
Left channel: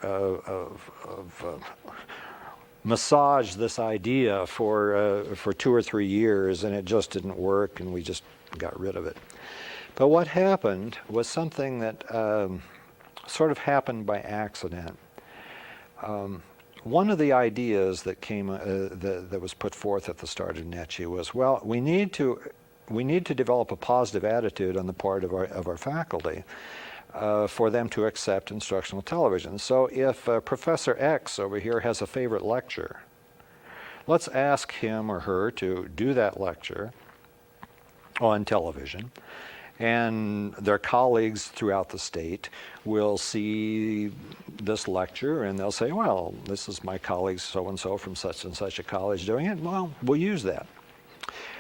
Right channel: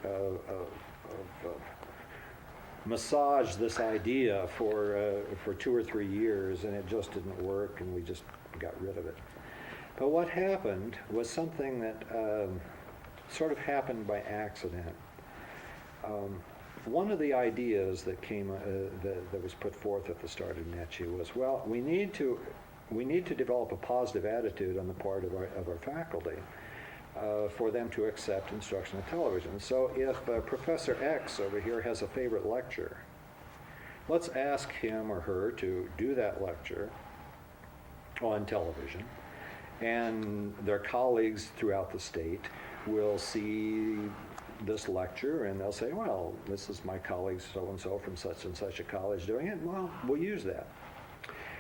massaged this idea for 2 or 3 years, and it just didn't work, and we just got rid of it. But what happened was something that sort of happened by accident. One of the ideas that came that was put forth at the start of NETCHI was, well, we need to develop a positive attitude on the part of our faculty for them to accept instructional television. So if Professor X over here has a favorite lecture, let's ask him or her to do that lecture on television, and their colleagues throughout the state will see this lecture, and they'll say, well, this is my colleague so-and-so from such and such a college doing it. Well, we'll use that.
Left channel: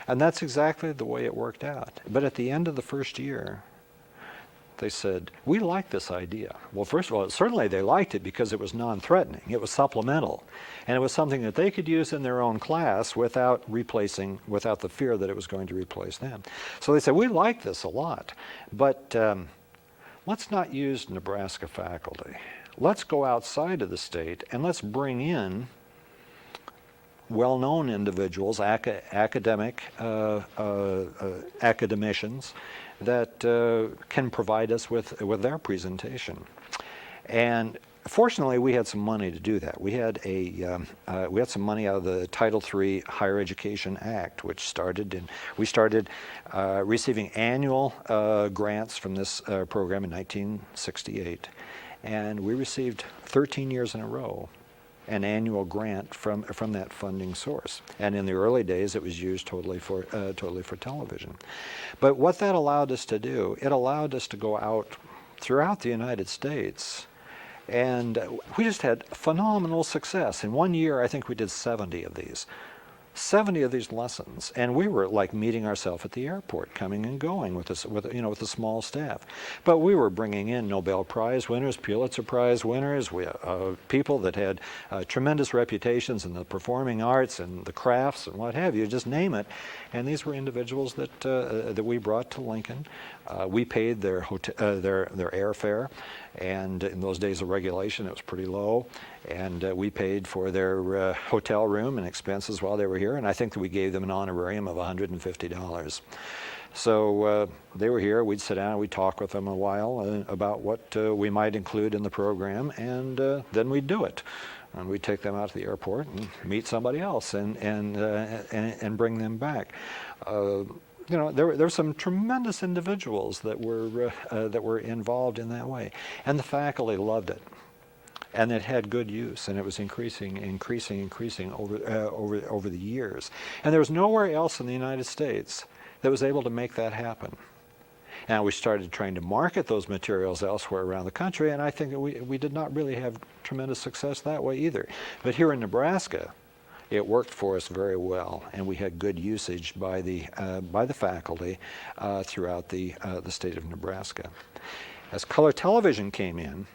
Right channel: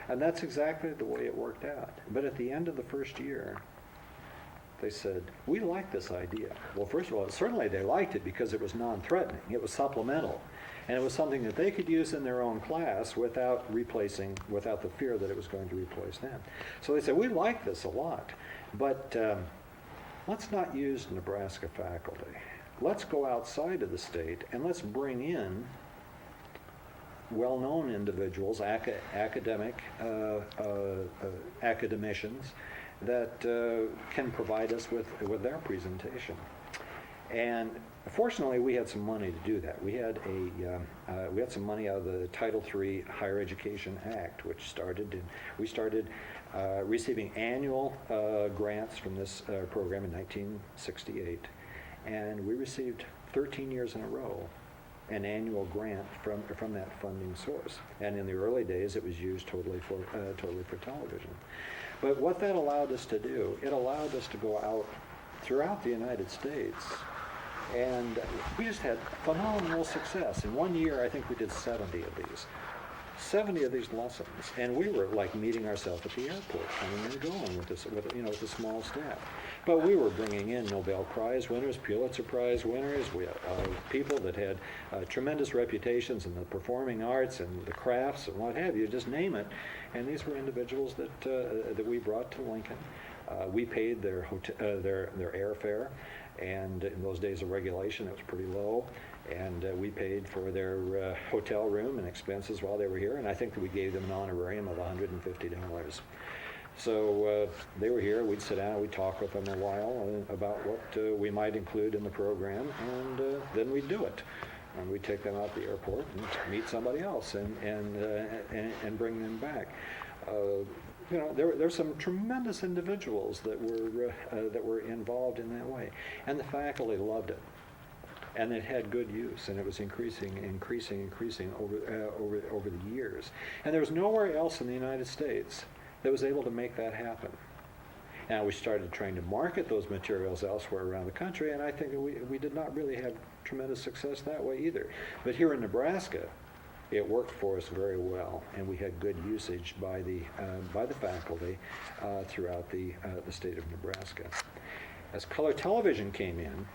And that's exactly the way it worked out. But at the end of the first year, they said, we like this idea. Well, first of all, certainly they liked it because it was non-threatening. It was supplemental. And it was something that they could use in their own class without the fear that it was going to replace them. So they said, we like this a lot, but let's not use Nebraska faculty. Let's go outside of the state and let's bring in well-known individuals, academics that can provide us with their presentation. And Fortunately, we had some money to do that. We had some money out of the Title III Higher Education Act, which we started receiving annual grants from this program in 1968, and we received 13 years in a row an annual grant from that funding source. And in the early days, it was used totally for television. But what that allowed us to do, it allowed us to go out throughout the United States, and we just had phenomenal success. In 1 year, I think we did 70 of these lessons, and we were like meeting ourselves at the airport, coming and going with a small staff. But we were bringing in Nobel Prize winners, Pulitzer Prize winners, people that had tremendous reputations in the performing arts and the crafts and what have you, just name it. And these were individuals that we brought to Lincoln. We paid their airfare, and in those days of regulation, it was pretty low. And we paid for their hotel room and expenses while they were here, and I think that we gave them an honorarium of $150. So they were here, we'd sit down, we'd talk with them a while about what we might include in the program, and then we'd do it. And we'd take them out to the airport and meet somebody else and bring them back. There were some tremendous individuals that were involved in that way, and the faculty loved it. And it had good use, and it was increasing over the years. And there was nowhere else in the United States that was able to make that happen. Now we started trying to market those materials elsewhere around the country, and I think that we did not really have tremendous success that way either. But here in Nebraska, it worked for us very well, and we had good usage by the faculty throughout the state of Nebraska. As color television came in,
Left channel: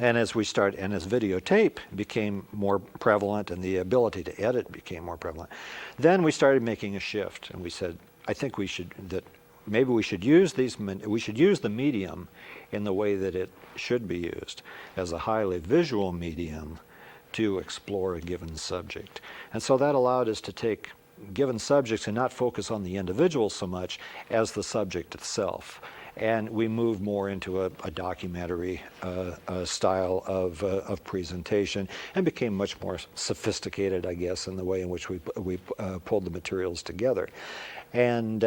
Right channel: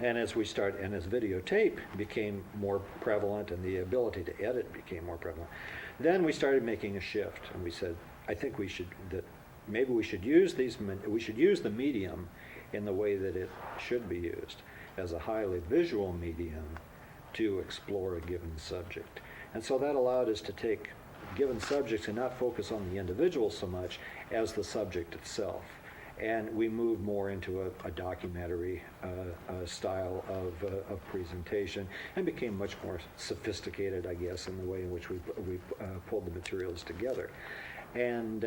and as videotape became more prevalent and the ability to edit became more prevalent, then we started making a shift, and we said, I think maybe we should use the medium in the way that it should be used, as a highly visual medium to explore a given subject. And so that allowed us to take given subjects and not focus on the individual so much as the subject itself. And we moved more into a documentary style of presentation, and became much more sophisticated, I guess, in the way in which we pulled the materials together. And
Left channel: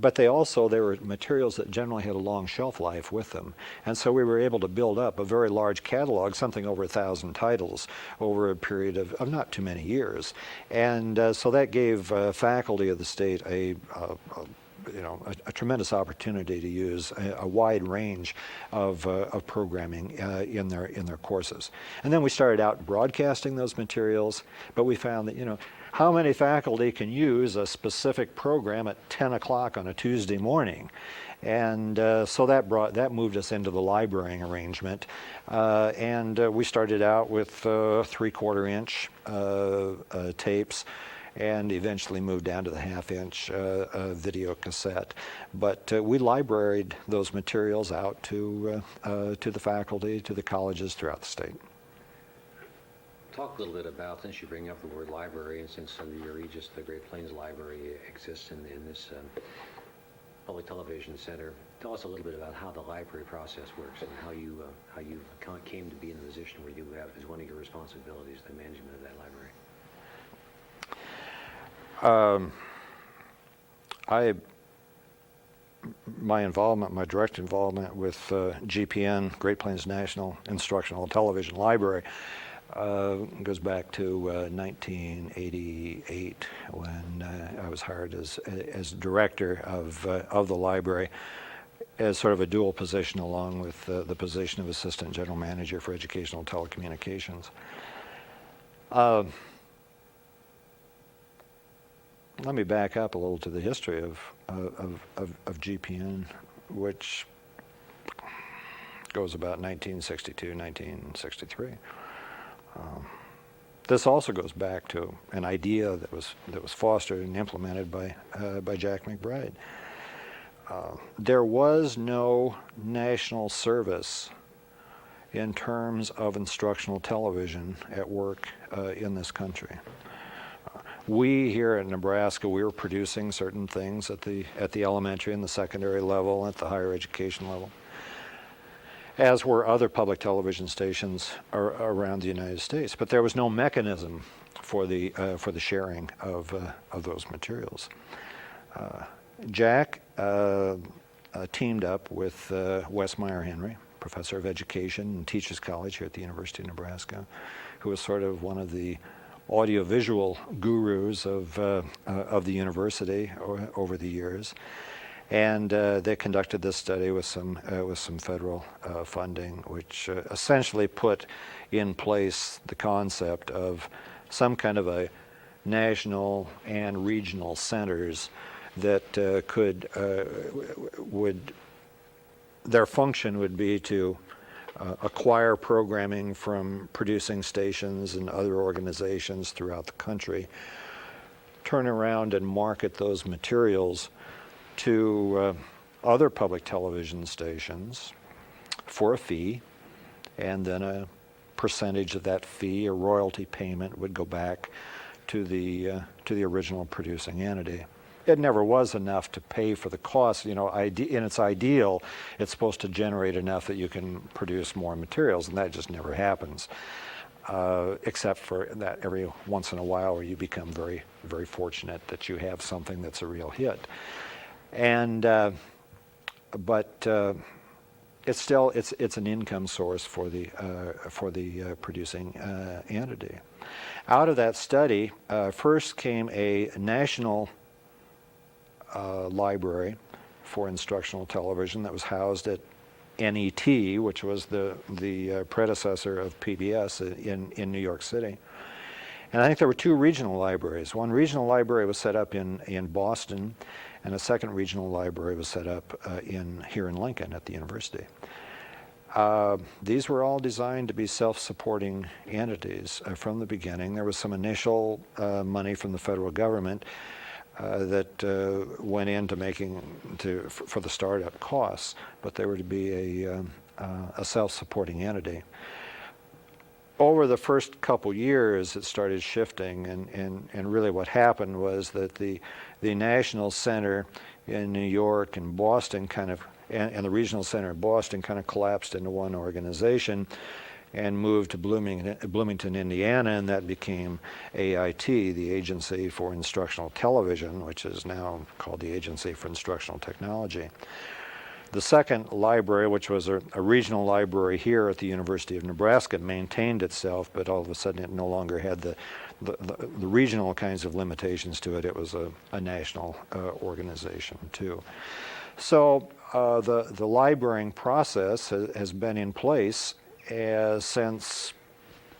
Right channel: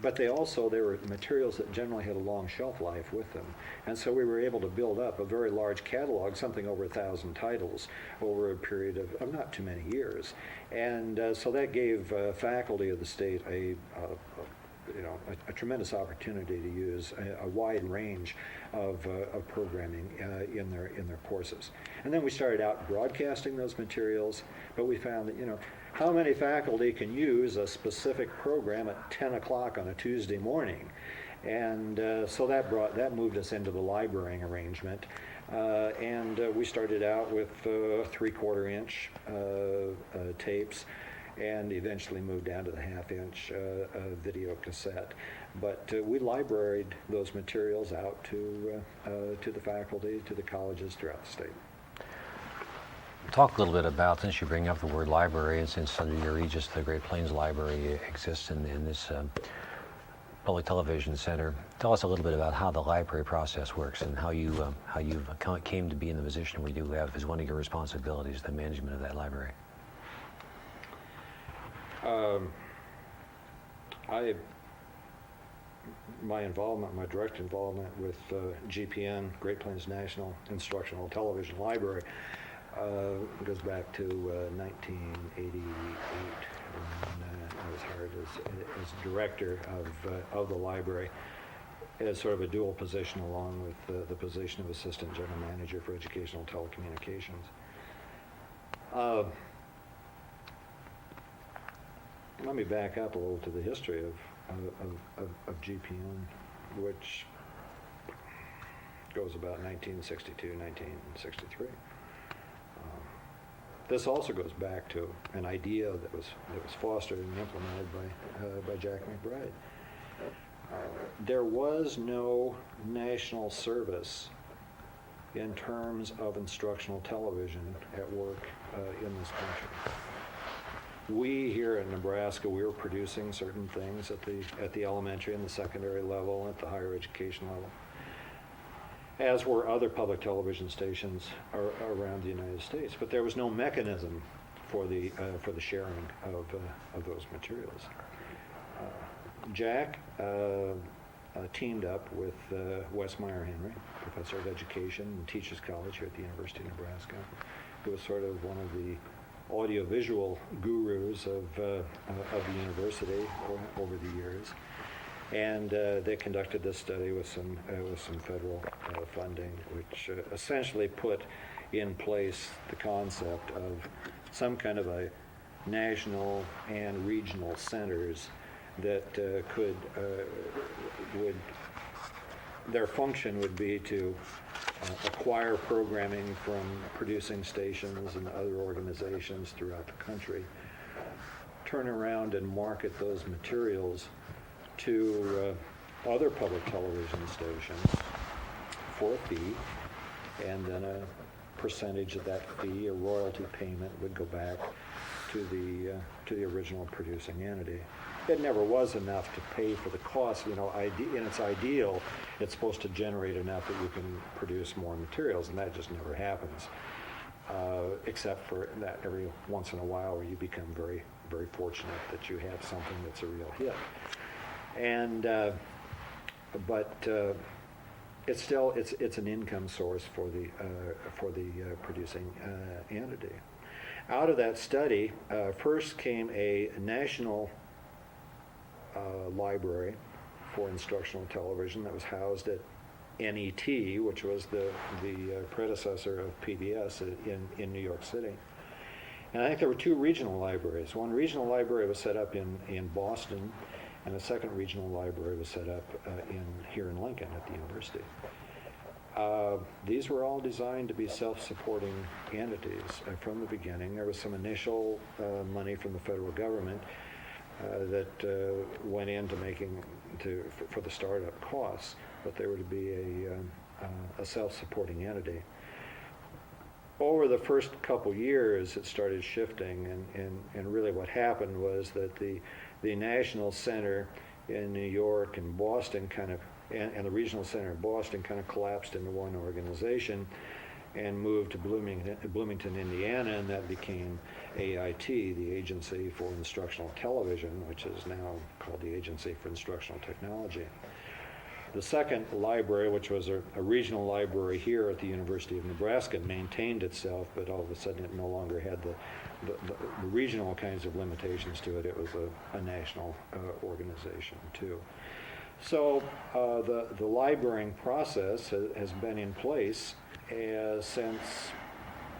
but they were materials that generally had a long shelf life with them. And so we were able to build up a very large catalog, something over 1,000 titles, over a period of not too many years. And so that gave faculty of the state a tremendous opportunity to use a wide range of programming in their courses. And then we started out broadcasting those materials, but we found that, how many faculty can use a specific program at 10 o'clock on a Tuesday morning? And so that moved us into the librarying arrangement. And we started out with 3/4 inch tapes, and eventually moved down to the 1/2 inch video cassette. But we libraried those materials out to the faculty, to the colleges throughout the state. Talk a little bit about, since you bring up the word library, and since under your aegis the Great Plains Library exists in this Public Television Center, tell us a little bit about how the library process works and how you came to be in the position where you have as one of your responsibilities the management of that library. My direct involvement with GPN, Great Plains National Instructional Television Library, goes back to 1988, when I was hired as director of the library, as sort of a dual position, along with the position of Assistant General Manager for Educational Telecommunications. Let me back up a little to the history of GPN, which goes about 1962, 1963. This also goes back to an idea that was fostered and implemented by Jack McBride. There was no national service in terms of instructional television at work in this country. We here in Nebraska, we were producing certain things at the elementary and the secondary level, at the higher education level. as were other public television stations around the United States. But there was no mechanism for the sharing of those materials. Jack teamed up with Wes Meyer Henry, professor of education and Teachers College here at the University of Nebraska, who was sort of one of the audiovisual gurus of the university over the years. And they conducted this study with some federal funding, which essentially put in place the concept of some kind of a national and regional centers that their function would be to acquire programming from producing stations and other organizations throughout the country, turn around and market those materials to other public television stations for a fee, and then a percentage of that fee, a royalty payment, would go back to the original producing entity. It never was enough to pay for the cost. In its ideal, it's supposed to generate enough that you can produce more materials, and that just never happens, except for that every once in a while where you become very, very fortunate that you have something that's a real hit. And but it's still it's an income source for the producing entity. Out of that study, first came a national library for instructional television that was housed at NET, which was the predecessor of PBS in New York City. And I think there were two regional libraries. One regional library was set up in Boston, and a second regional library was set up here in Lincoln at the university. These were all designed to be self-supporting entities from the beginning. There was some initial money from the federal government that went into for the startup costs, but they were to be a self-supporting entity. Over the first couple years, it started shifting, and really what happened was that the national center in New York and Boston and the regional center in Boston kind of collapsed into one organization and moved to Bloomington, Indiana, and that became AIT, the Agency for Instructional Television, which is now called the Agency for Instructional Technology. The second library, which was a regional library here at the University of Nebraska, maintained itself, but all of a sudden it no longer had the regional kinds of limitations to it. It was a national organization too. So the librarying process has been in place since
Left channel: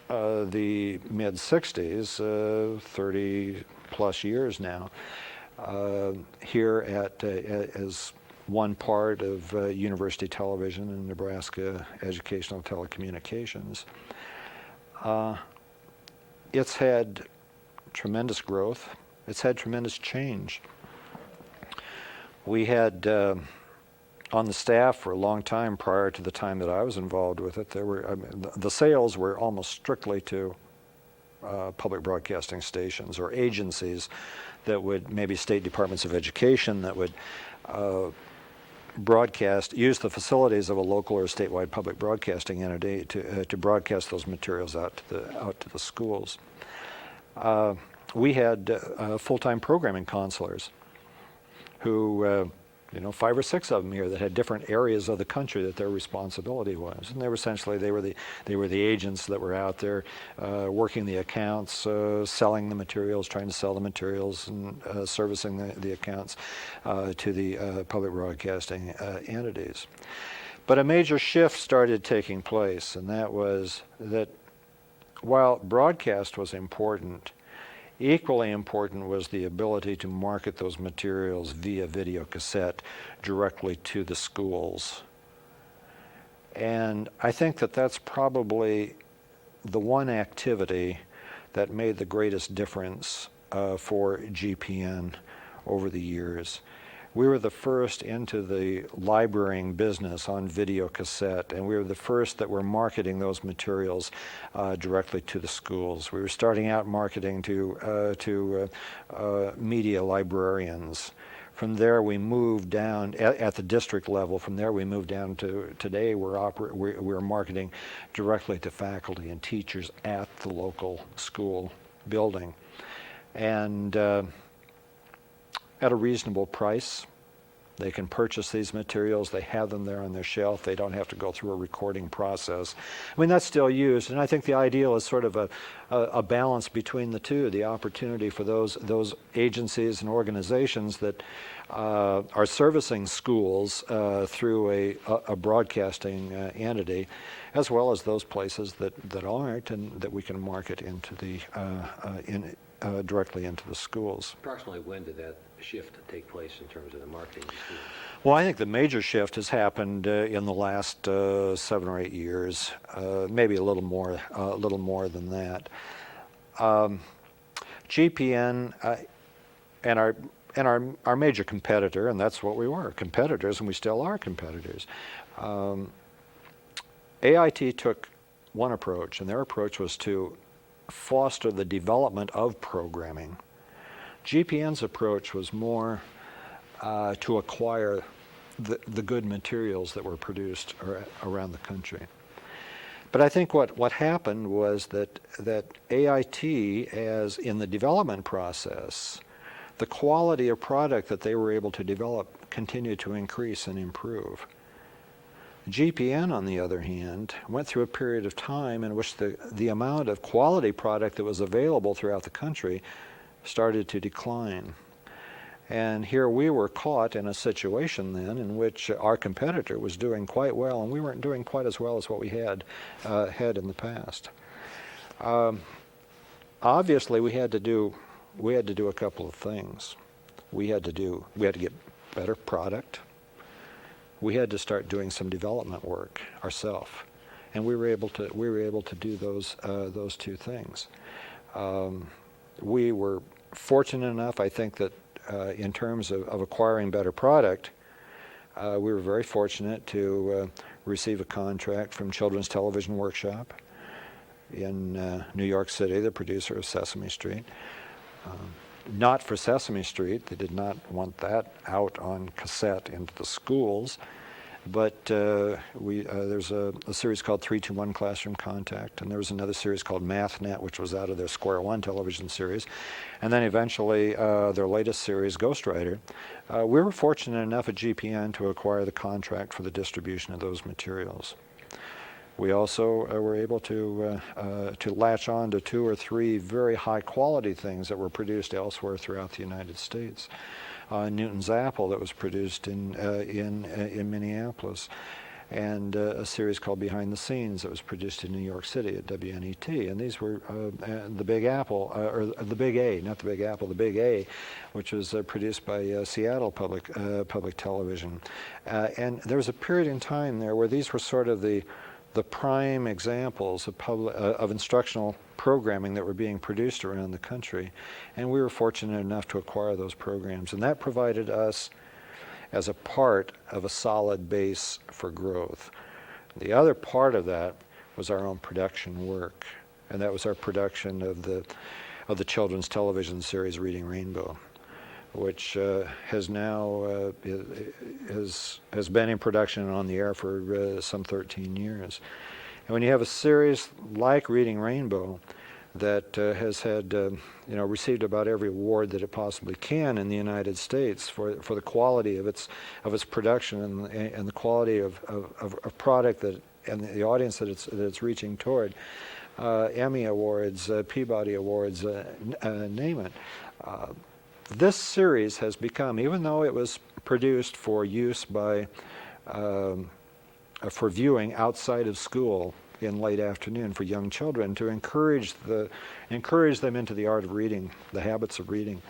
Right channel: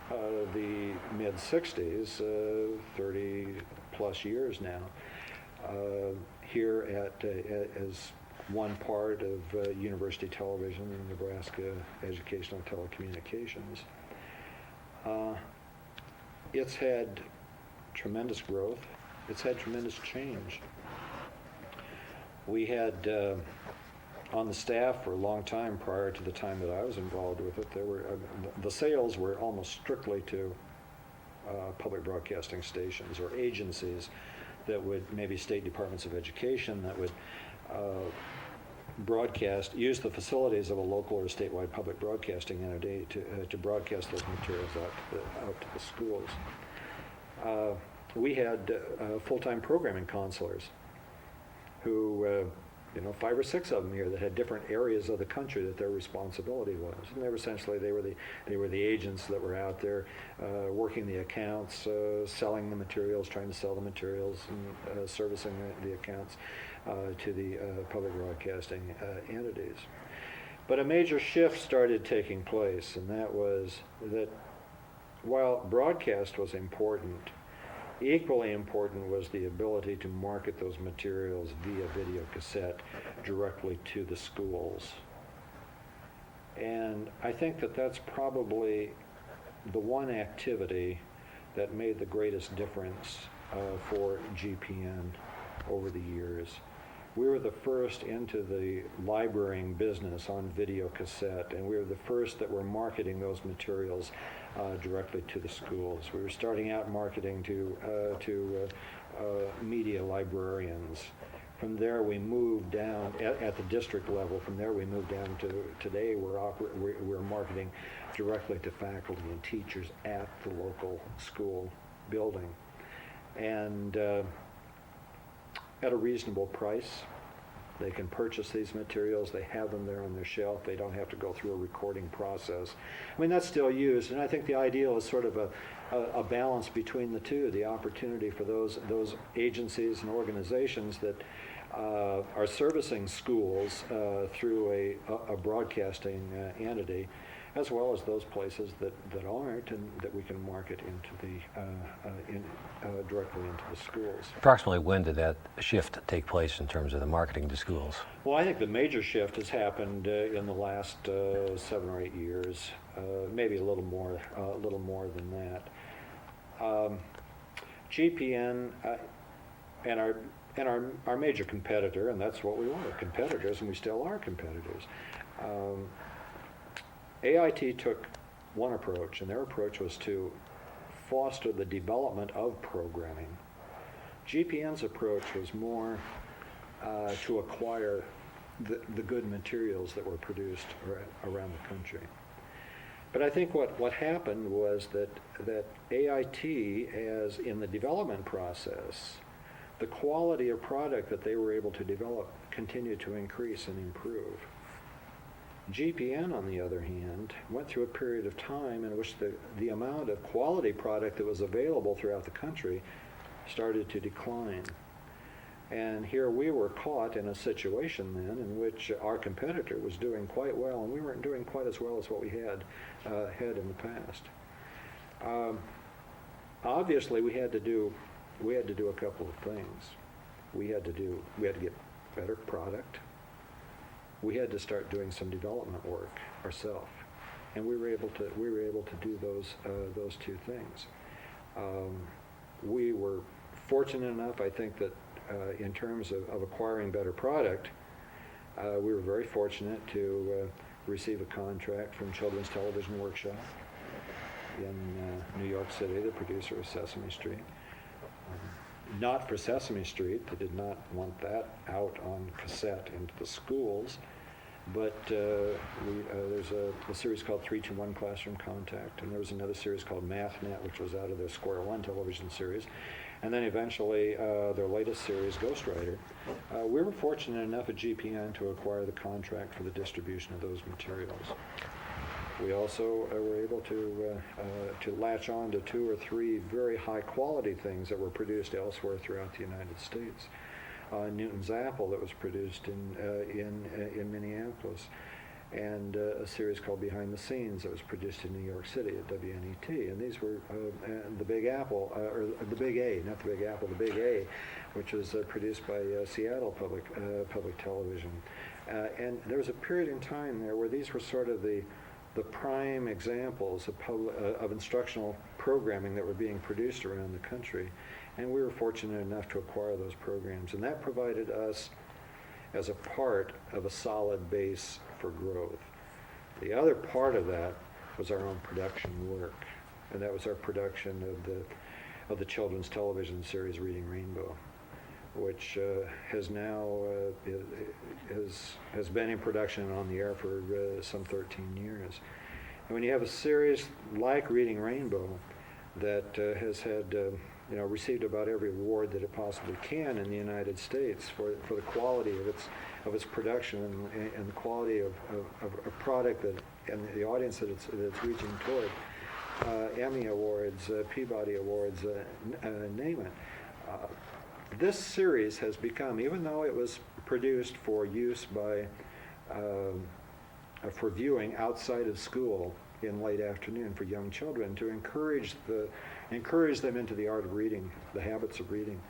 the mid-60s, 30 plus years now, here as one part of University Television and Nebraska Educational Telecommunications. It's had tremendous growth. It's had tremendous change. We had on the staff for a long time prior to the time that I was involved with it, the sales were almost strictly to public broadcasting stations or agencies that would, maybe state departments of education, that would use the facilities of a local or statewide public broadcasting entity to broadcast those materials out to the schools. We had full-time programming counselors who, 5 or 6 of them here that had different areas of the country that their responsibility was, and they were the agents that were out there working the accounts, selling the materials, trying to sell the materials, and servicing the accounts to the public broadcasting entities. But a major shift started taking place, and that was that while broadcast was important, equally important was the ability to market those materials via video cassette directly to the schools. And I think that that's probably the one activity that made the greatest difference for GPN over the years. We were the first into the librarying business on video cassette, and we were the first that were marketing those materials directly to the schools. We were starting out marketing to media librarians From there, we moved down at the district level. From there, we moved down to today. We're marketing directly to faculty and teachers at the local school building, and at a reasonable price. They can purchase these materials. They have them there on their shelf. They don't have to go through a recording process. I mean, that's still used, and I think the ideal is sort of a balance between the two, the opportunity for those agencies and organizations that are servicing schools through a broadcasting entity, as well as those places that aren't, and that we can market into the directly into the schools. Approximately when did that shift take place in terms of the marketing to schools? Well, I think the major shift has happened in the last 7 or 8 years, maybe a little more than that. GPN and our major competitor, and that's what we were, competitors, and we still are competitors. AIT took one approach, and their approach was to foster the development of programming. GPN's approach was more to acquire the good materials that were produced around the country. But I think what happened was that AIT, as in the development process, the quality of product that they were able to develop continued to increase and improve. GPN, on the other hand, went through a period of time in which the amount of quality product that was available throughout the country started to decline. And here we were caught in a situation then in which our competitor was doing quite well, and we weren't doing quite as well as what we had in the past. Obviously, we had to do a couple of things. We had to get better product. We had to start doing some development work ourselves, and we were able to do those two things. We were fortunate enough, I think, that in terms of acquiring better product, we were very fortunate to receive a contract from Children's Television Workshop in New York City, the producer of Sesame Street. Not for Sesame Street. They did not want that out on cassette into the schools. But there's a series called 3-2-1 Classroom Contact, and there was another series called MathNet, which was out of their Square One television series. And then eventually their latest series, Ghostwriter. We were fortunate enough at GPN to acquire the contract for the distribution of those materials. We also were able to latch on to 2 or 3 very high quality things that were produced elsewhere throughout the United States. Newton's Apple that was produced in Minneapolis, and a series called Behind the Scenes that was produced in New York City at WNET. And these were the Big Apple, or the Big A, not the Big Apple, the Big A, which was produced by Seattle Public Television. And there was a period in time there where these were sort of the prime examples of instructional programming that were being produced around the country, and we were fortunate enough to acquire those programs, and that provided us as a part of a solid base for growth. The other part of that was our own production work, and that was our production of the children's television series Reading Rainbow, which has now has been in production and on the air for some 13 years. And when you have a series like Reading Rainbow that has had received about every award that it possibly can in the United States for the quality of its production and the quality of product and the audience that it's reaching toward, Emmy Awards, Peabody Awards, name it. This series has become, even though it was produced for use for viewing outside of school in late afternoon for young children, to encourage them into the art of reading, the habits of reading.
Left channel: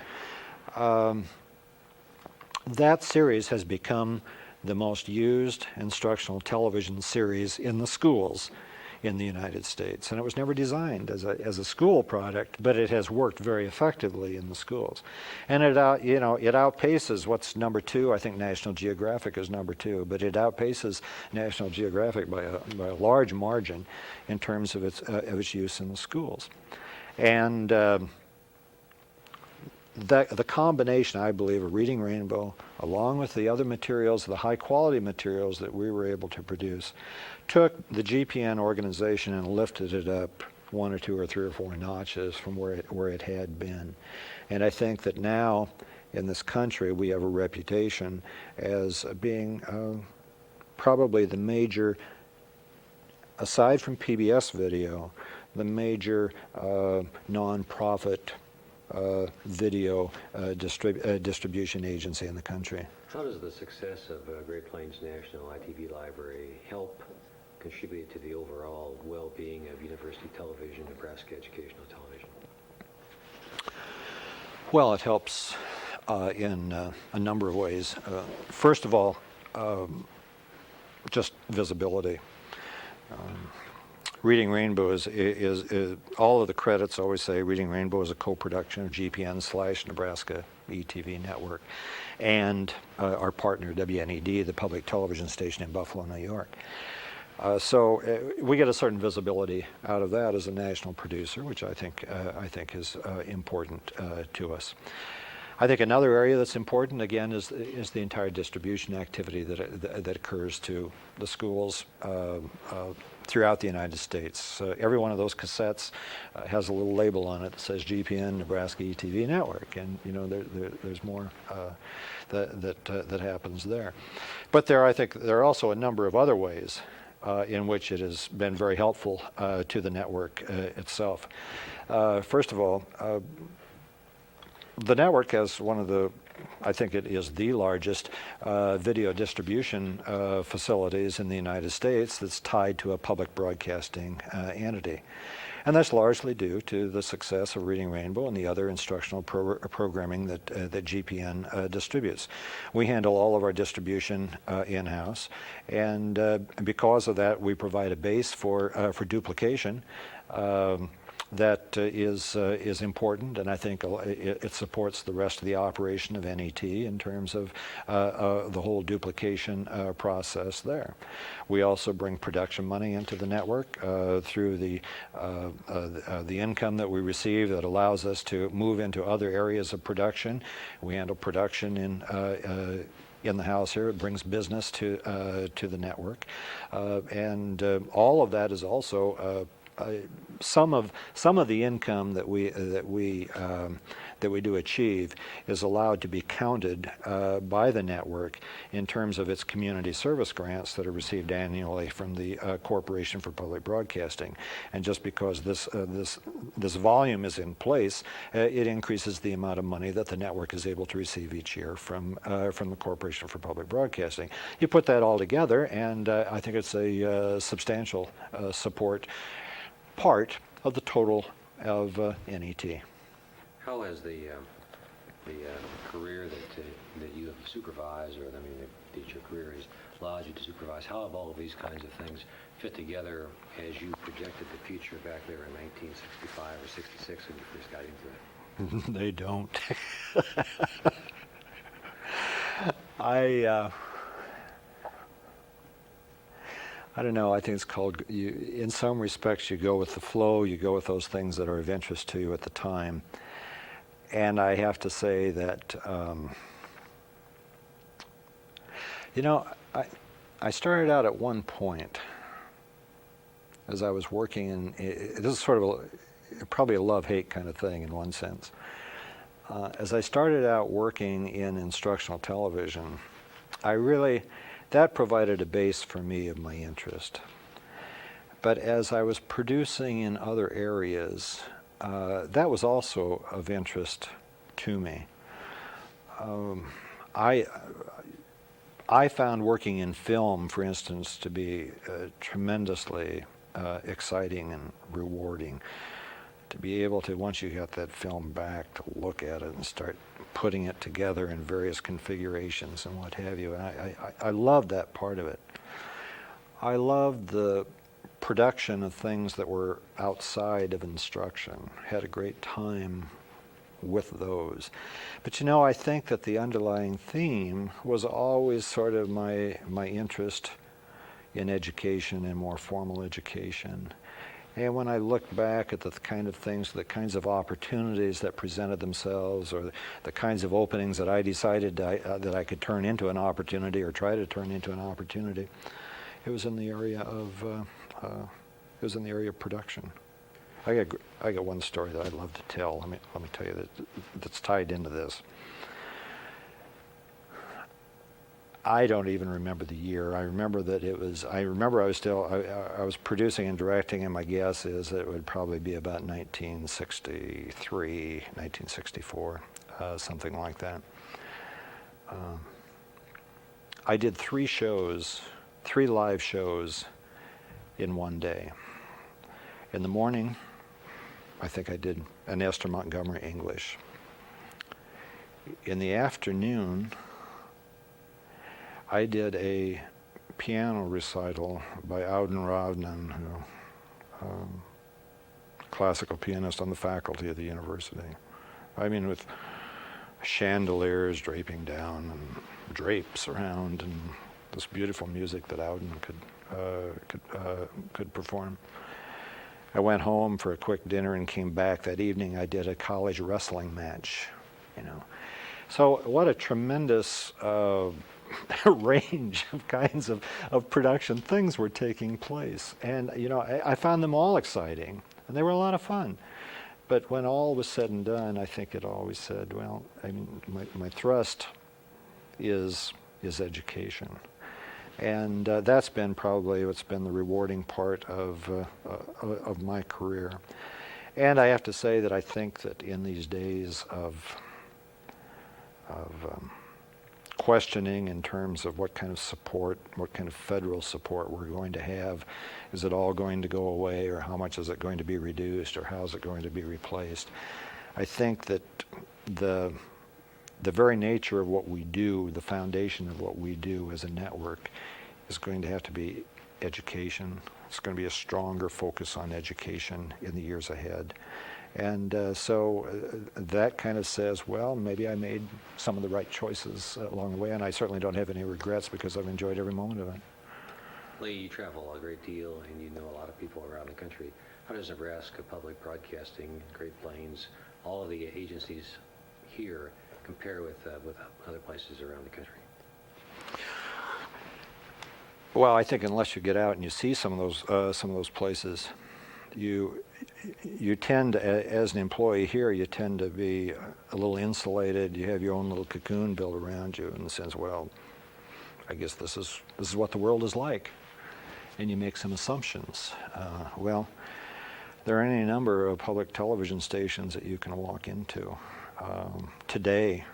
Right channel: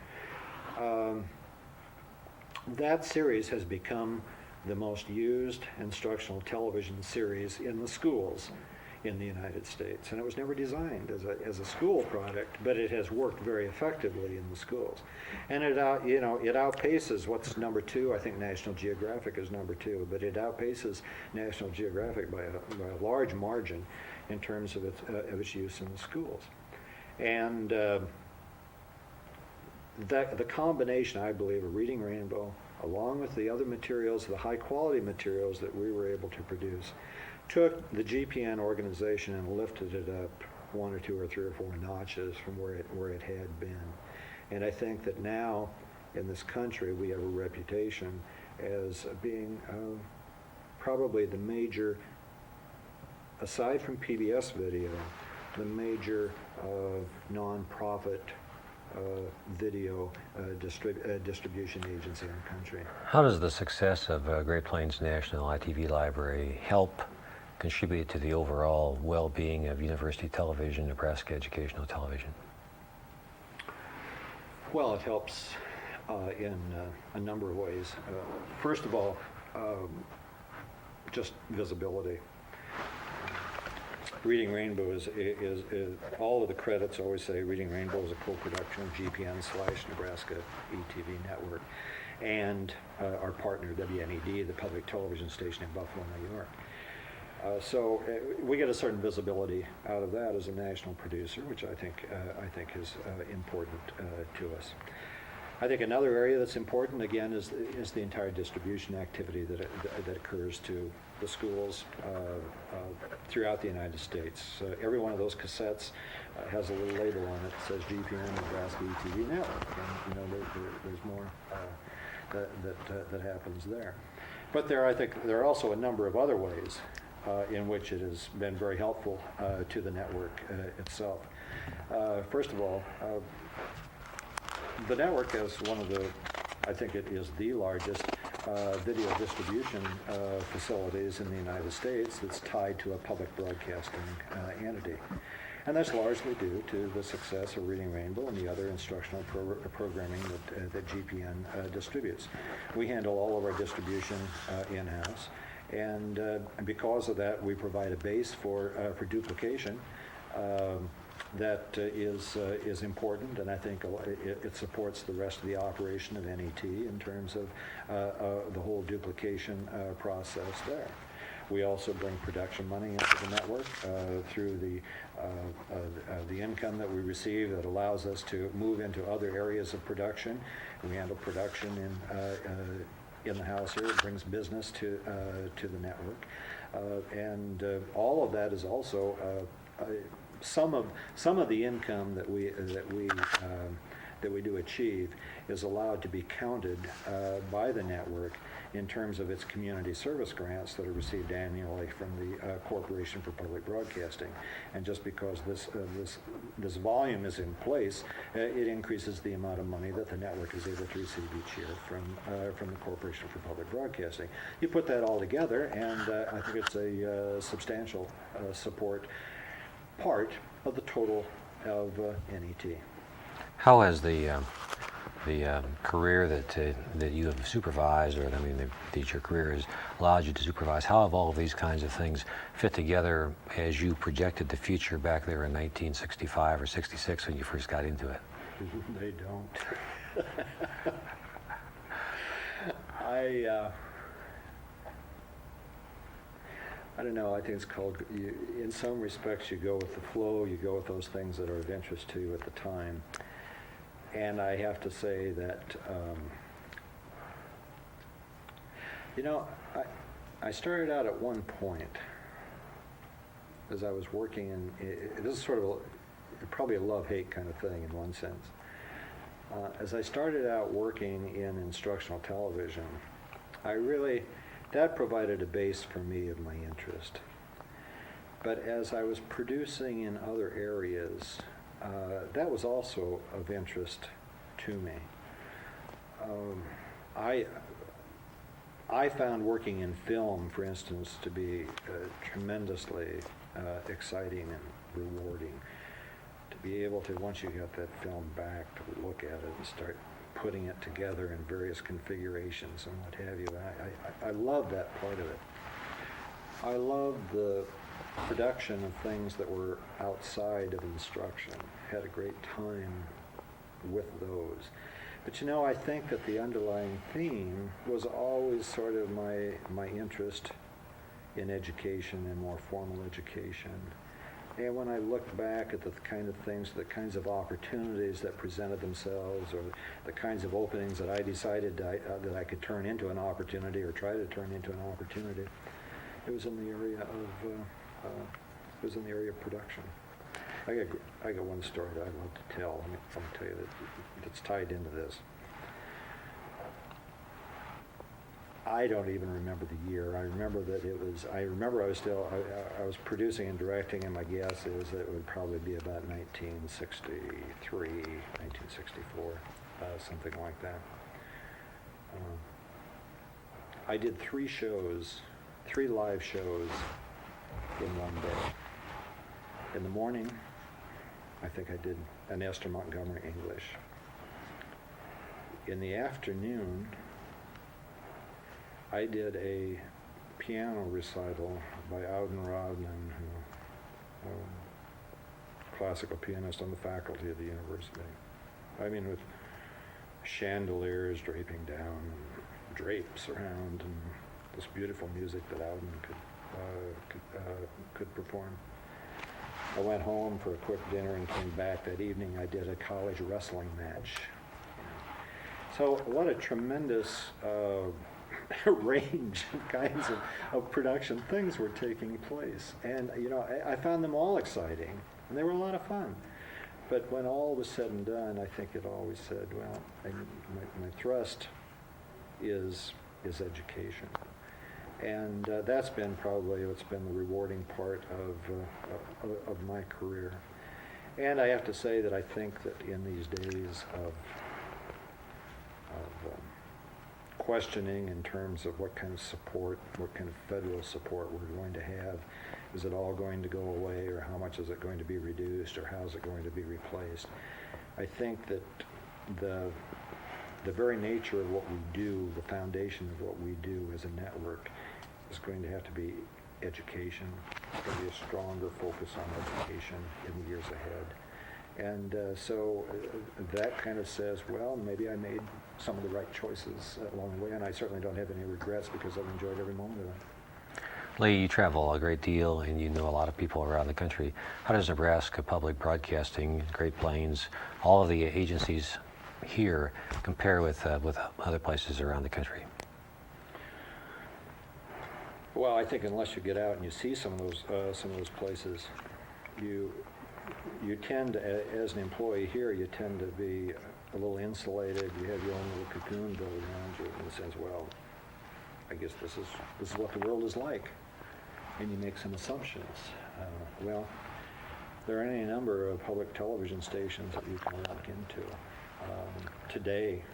That series has become the most used instructional television series in the schools in the United States, and it was never designed as a school product, but it has worked very effectively in the schools, and it outpaces what's number 2. I think National Geographic is number 2, but it outpaces National Geographic by a large margin in terms of its use in the schools. And the combination, I believe, of Reading Rainbow, along with the other materials, the high-quality materials that we were able to produce, took the GPN organization and lifted it up 1 or 2 or 3 or 4 notches from where it had been. And I think that now, in this country, we have a reputation as being probably the major, aside from PBS video, the major nonprofit video distribution agency in the country. How does the success of Great Plains National ITV Library help contribute to the overall well-being of University Television, Nebraska Educational Television? Well, it helps in a number of ways. First of all, just visibility. Reading Rainbow is all of the credits always say Reading Rainbow is a co-production of GPN/Nebraska ETV network and our partner WNED, the public television station in Buffalo, New York. So we get a certain visibility out of that as a national producer, which I think is important to us. I think another area that's important, again, is the entire distribution activity that occurs to the schools throughout the United States. Every one of those cassettes has a little label on it that says GPN Nebraska ETV Network, and there's more that happens there. But I think there are also a number of other ways in which it has been very helpful to the network itself. First of all, the network has one of the, I think it is the largest video distribution facilities in the United States that's tied to a public broadcasting entity. And that's largely due to the success of Reading Rainbow and the other instructional programming that GPN distributes. We handle all of our distribution in-house, and because of that, we provide a base for duplication that is important, and I think it supports the rest of the operation of NET in terms of the whole duplication process there. We also bring production money into the network through the income that we receive that allows us to move into other areas of production. We handle production in the house here. It brings business to the network, and all of that is also some of the income that we do achieve is allowed to be counted by the network in terms of its community service grants that are received annually from the Corporation for Public Broadcasting. And just because this volume is in place, it increases the amount of money that the network is able to receive each year from the Corporation for Public Broadcasting. You put that all together, and I think it's a substantial support part of the total of NET. How has the career that you have supervised, or that your career has allowed you to supervise, how have all of these kinds of things fit together as you projected the future back there in 1965 or 66 when you first got into it? They don't. I don't know. I think it's called, in some respects, you go with the flow. You go with those things that are of interest to you at the time. And I have to say that, I started out at one point as I was working in, this is sort of probably a love-hate kind of thing in one sense. As I started out working in instructional television, that provided a base for me of my interest. But as I was producing in other areas, that was also of interest to me. I found working in film, for instance, to be tremendously exciting and rewarding. To be able to, once you got that film back, to look at it and start putting it together in various configurations and what have you. I loved that part of it. I loved the production of things that were outside of instruction. Had a great time with those. But I think that the underlying theme was always sort of my interest in education and more formal education. And when I look back at the kind of things, the kinds of opportunities that presented themselves, or the kinds of openings that I decided that I could turn into an opportunity or try to turn into an opportunity, it was in the area of production. I got one story that I'd love to tell. Let me tell you that's tied into this. I don't even remember the year. I remember that it was. I was producing and directing, and my guess is that it would probably be about 1963, 1964, something like that. I did 3 live shows in one day. In the morning, I think I did an Esther Montgomery English. In the afternoon, I did a piano recital by Auden Ravnan, classical pianist on the faculty of the university. I mean, with chandeliers draping down and drapes around, and this beautiful music that Auden could perform. I went home for a quick dinner and came back. That evening I did a college wrestling match, So what a tremendous range of kinds of production things were taking place. And, I found them all exciting, and they were a lot of fun. But when all was said and done, I think it always said, well, my thrust is education. And that's been probably what's been the rewarding part of my career. And I have to say that I think that in these days of questioning in terms of what kind of support, what kind of federal support we're going to have, is it all going to go away, or how much is it going to be reduced, or how is it going to be replaced? I think that the very nature of what we do, the foundation of what we do as a network, is going to have to be education. It's going to be a stronger focus on education in the years ahead. And so that kind of says, well, maybe I made some of the right choices along the way, and I certainly don't have any regrets because I've enjoyed every moment of it. Lee, you travel a great deal and you know a lot of people around the country. How does Nebraska Public Broadcasting, Great Plains, all of the agencies here compare with other places around the country? Well, I think unless you get out and you see some of those places, you tend to, as an employee here, you tend to be a little insulated. You have your own little cocoon built around you in the sense, well, I guess this is what the world is like, and you make some assumptions. Well, there are any number of public television stations that you can walk into today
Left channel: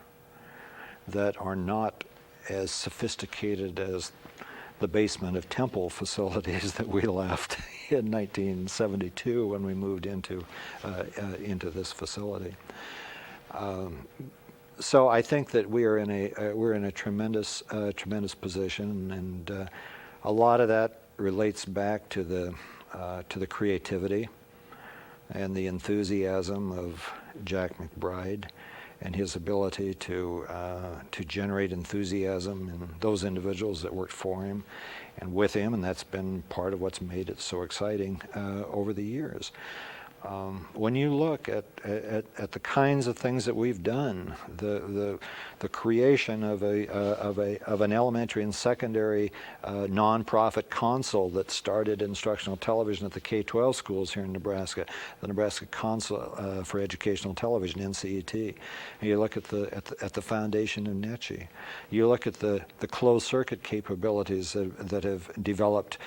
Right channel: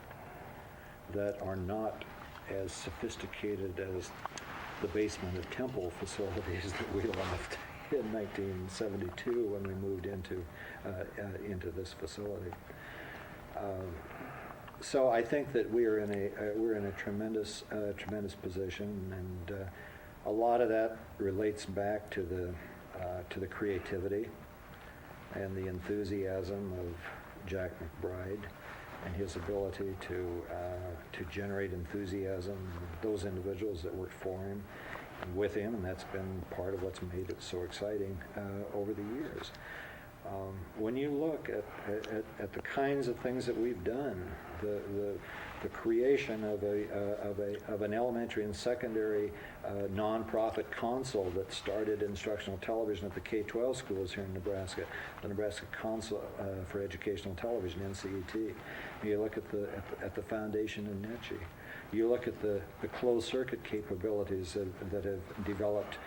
that are not as sophisticated as the basement of Temple facilities that we left in 1972 when we moved into this facility. So I think that we're in a tremendous position, and a lot of that relates back to the creativity and the enthusiasm of Jack McBride and his ability to generate enthusiasm in those individuals that worked for him and with him, and that's been part of what's made it so exciting over the years. When you look at the kinds of things that we've done, the creation of an elementary and secondary nonprofit console that started instructional television at the K-12 schools here in Nebraska, the Nebraska Council for Educational Television, NCET. And you look at the foundation in NETCHI. You look at the closed circuit capabilities that have developed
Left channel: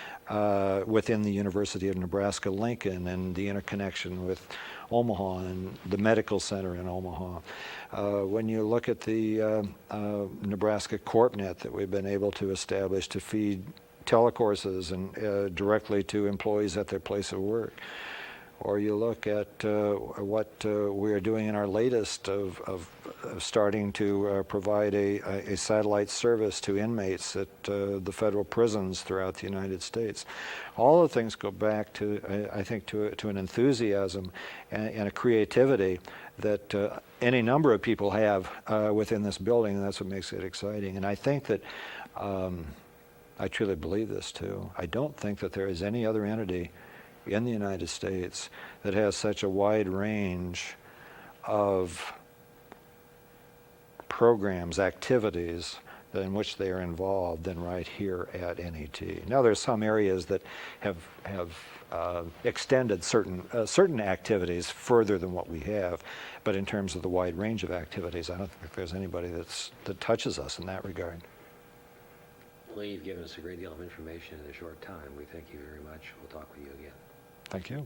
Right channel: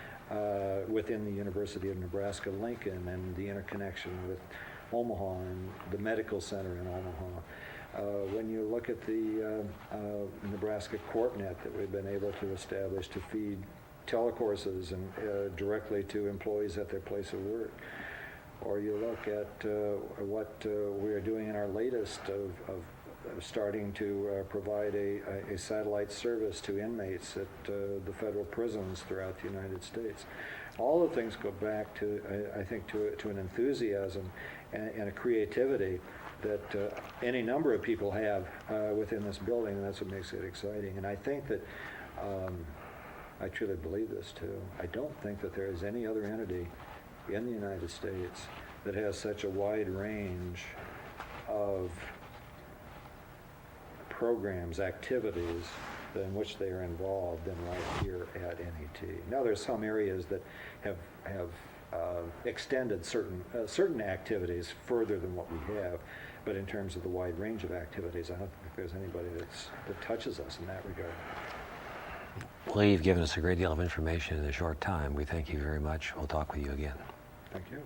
within the University of Nebraska-Lincoln, and the interconnection with Omaha and the medical center in Omaha. When you look at the Nebraska CorpNet that we've been able to establish to feed telecourses and directly to employees at their place of work. Or you look at what we're doing in our latest of starting to provide a satellite service to inmates at the federal prisons throughout the United States. All the things go back to, I think, to an enthusiasm and a creativity that any number of people have within this building, and that's what makes it exciting. And I think that, I truly believe this too, I don't think that there is any other entity in the United States that has such a wide range of programs, activities in which they are involved than right here at NET. Now, there's some areas that have extended certain activities further than what we have, but in terms of the wide range of activities, I don't think there's anybody that touches us in that regard. Lee, you've given us a great deal of information in a short time. We thank you very much. We'll talk with you again. Thank you.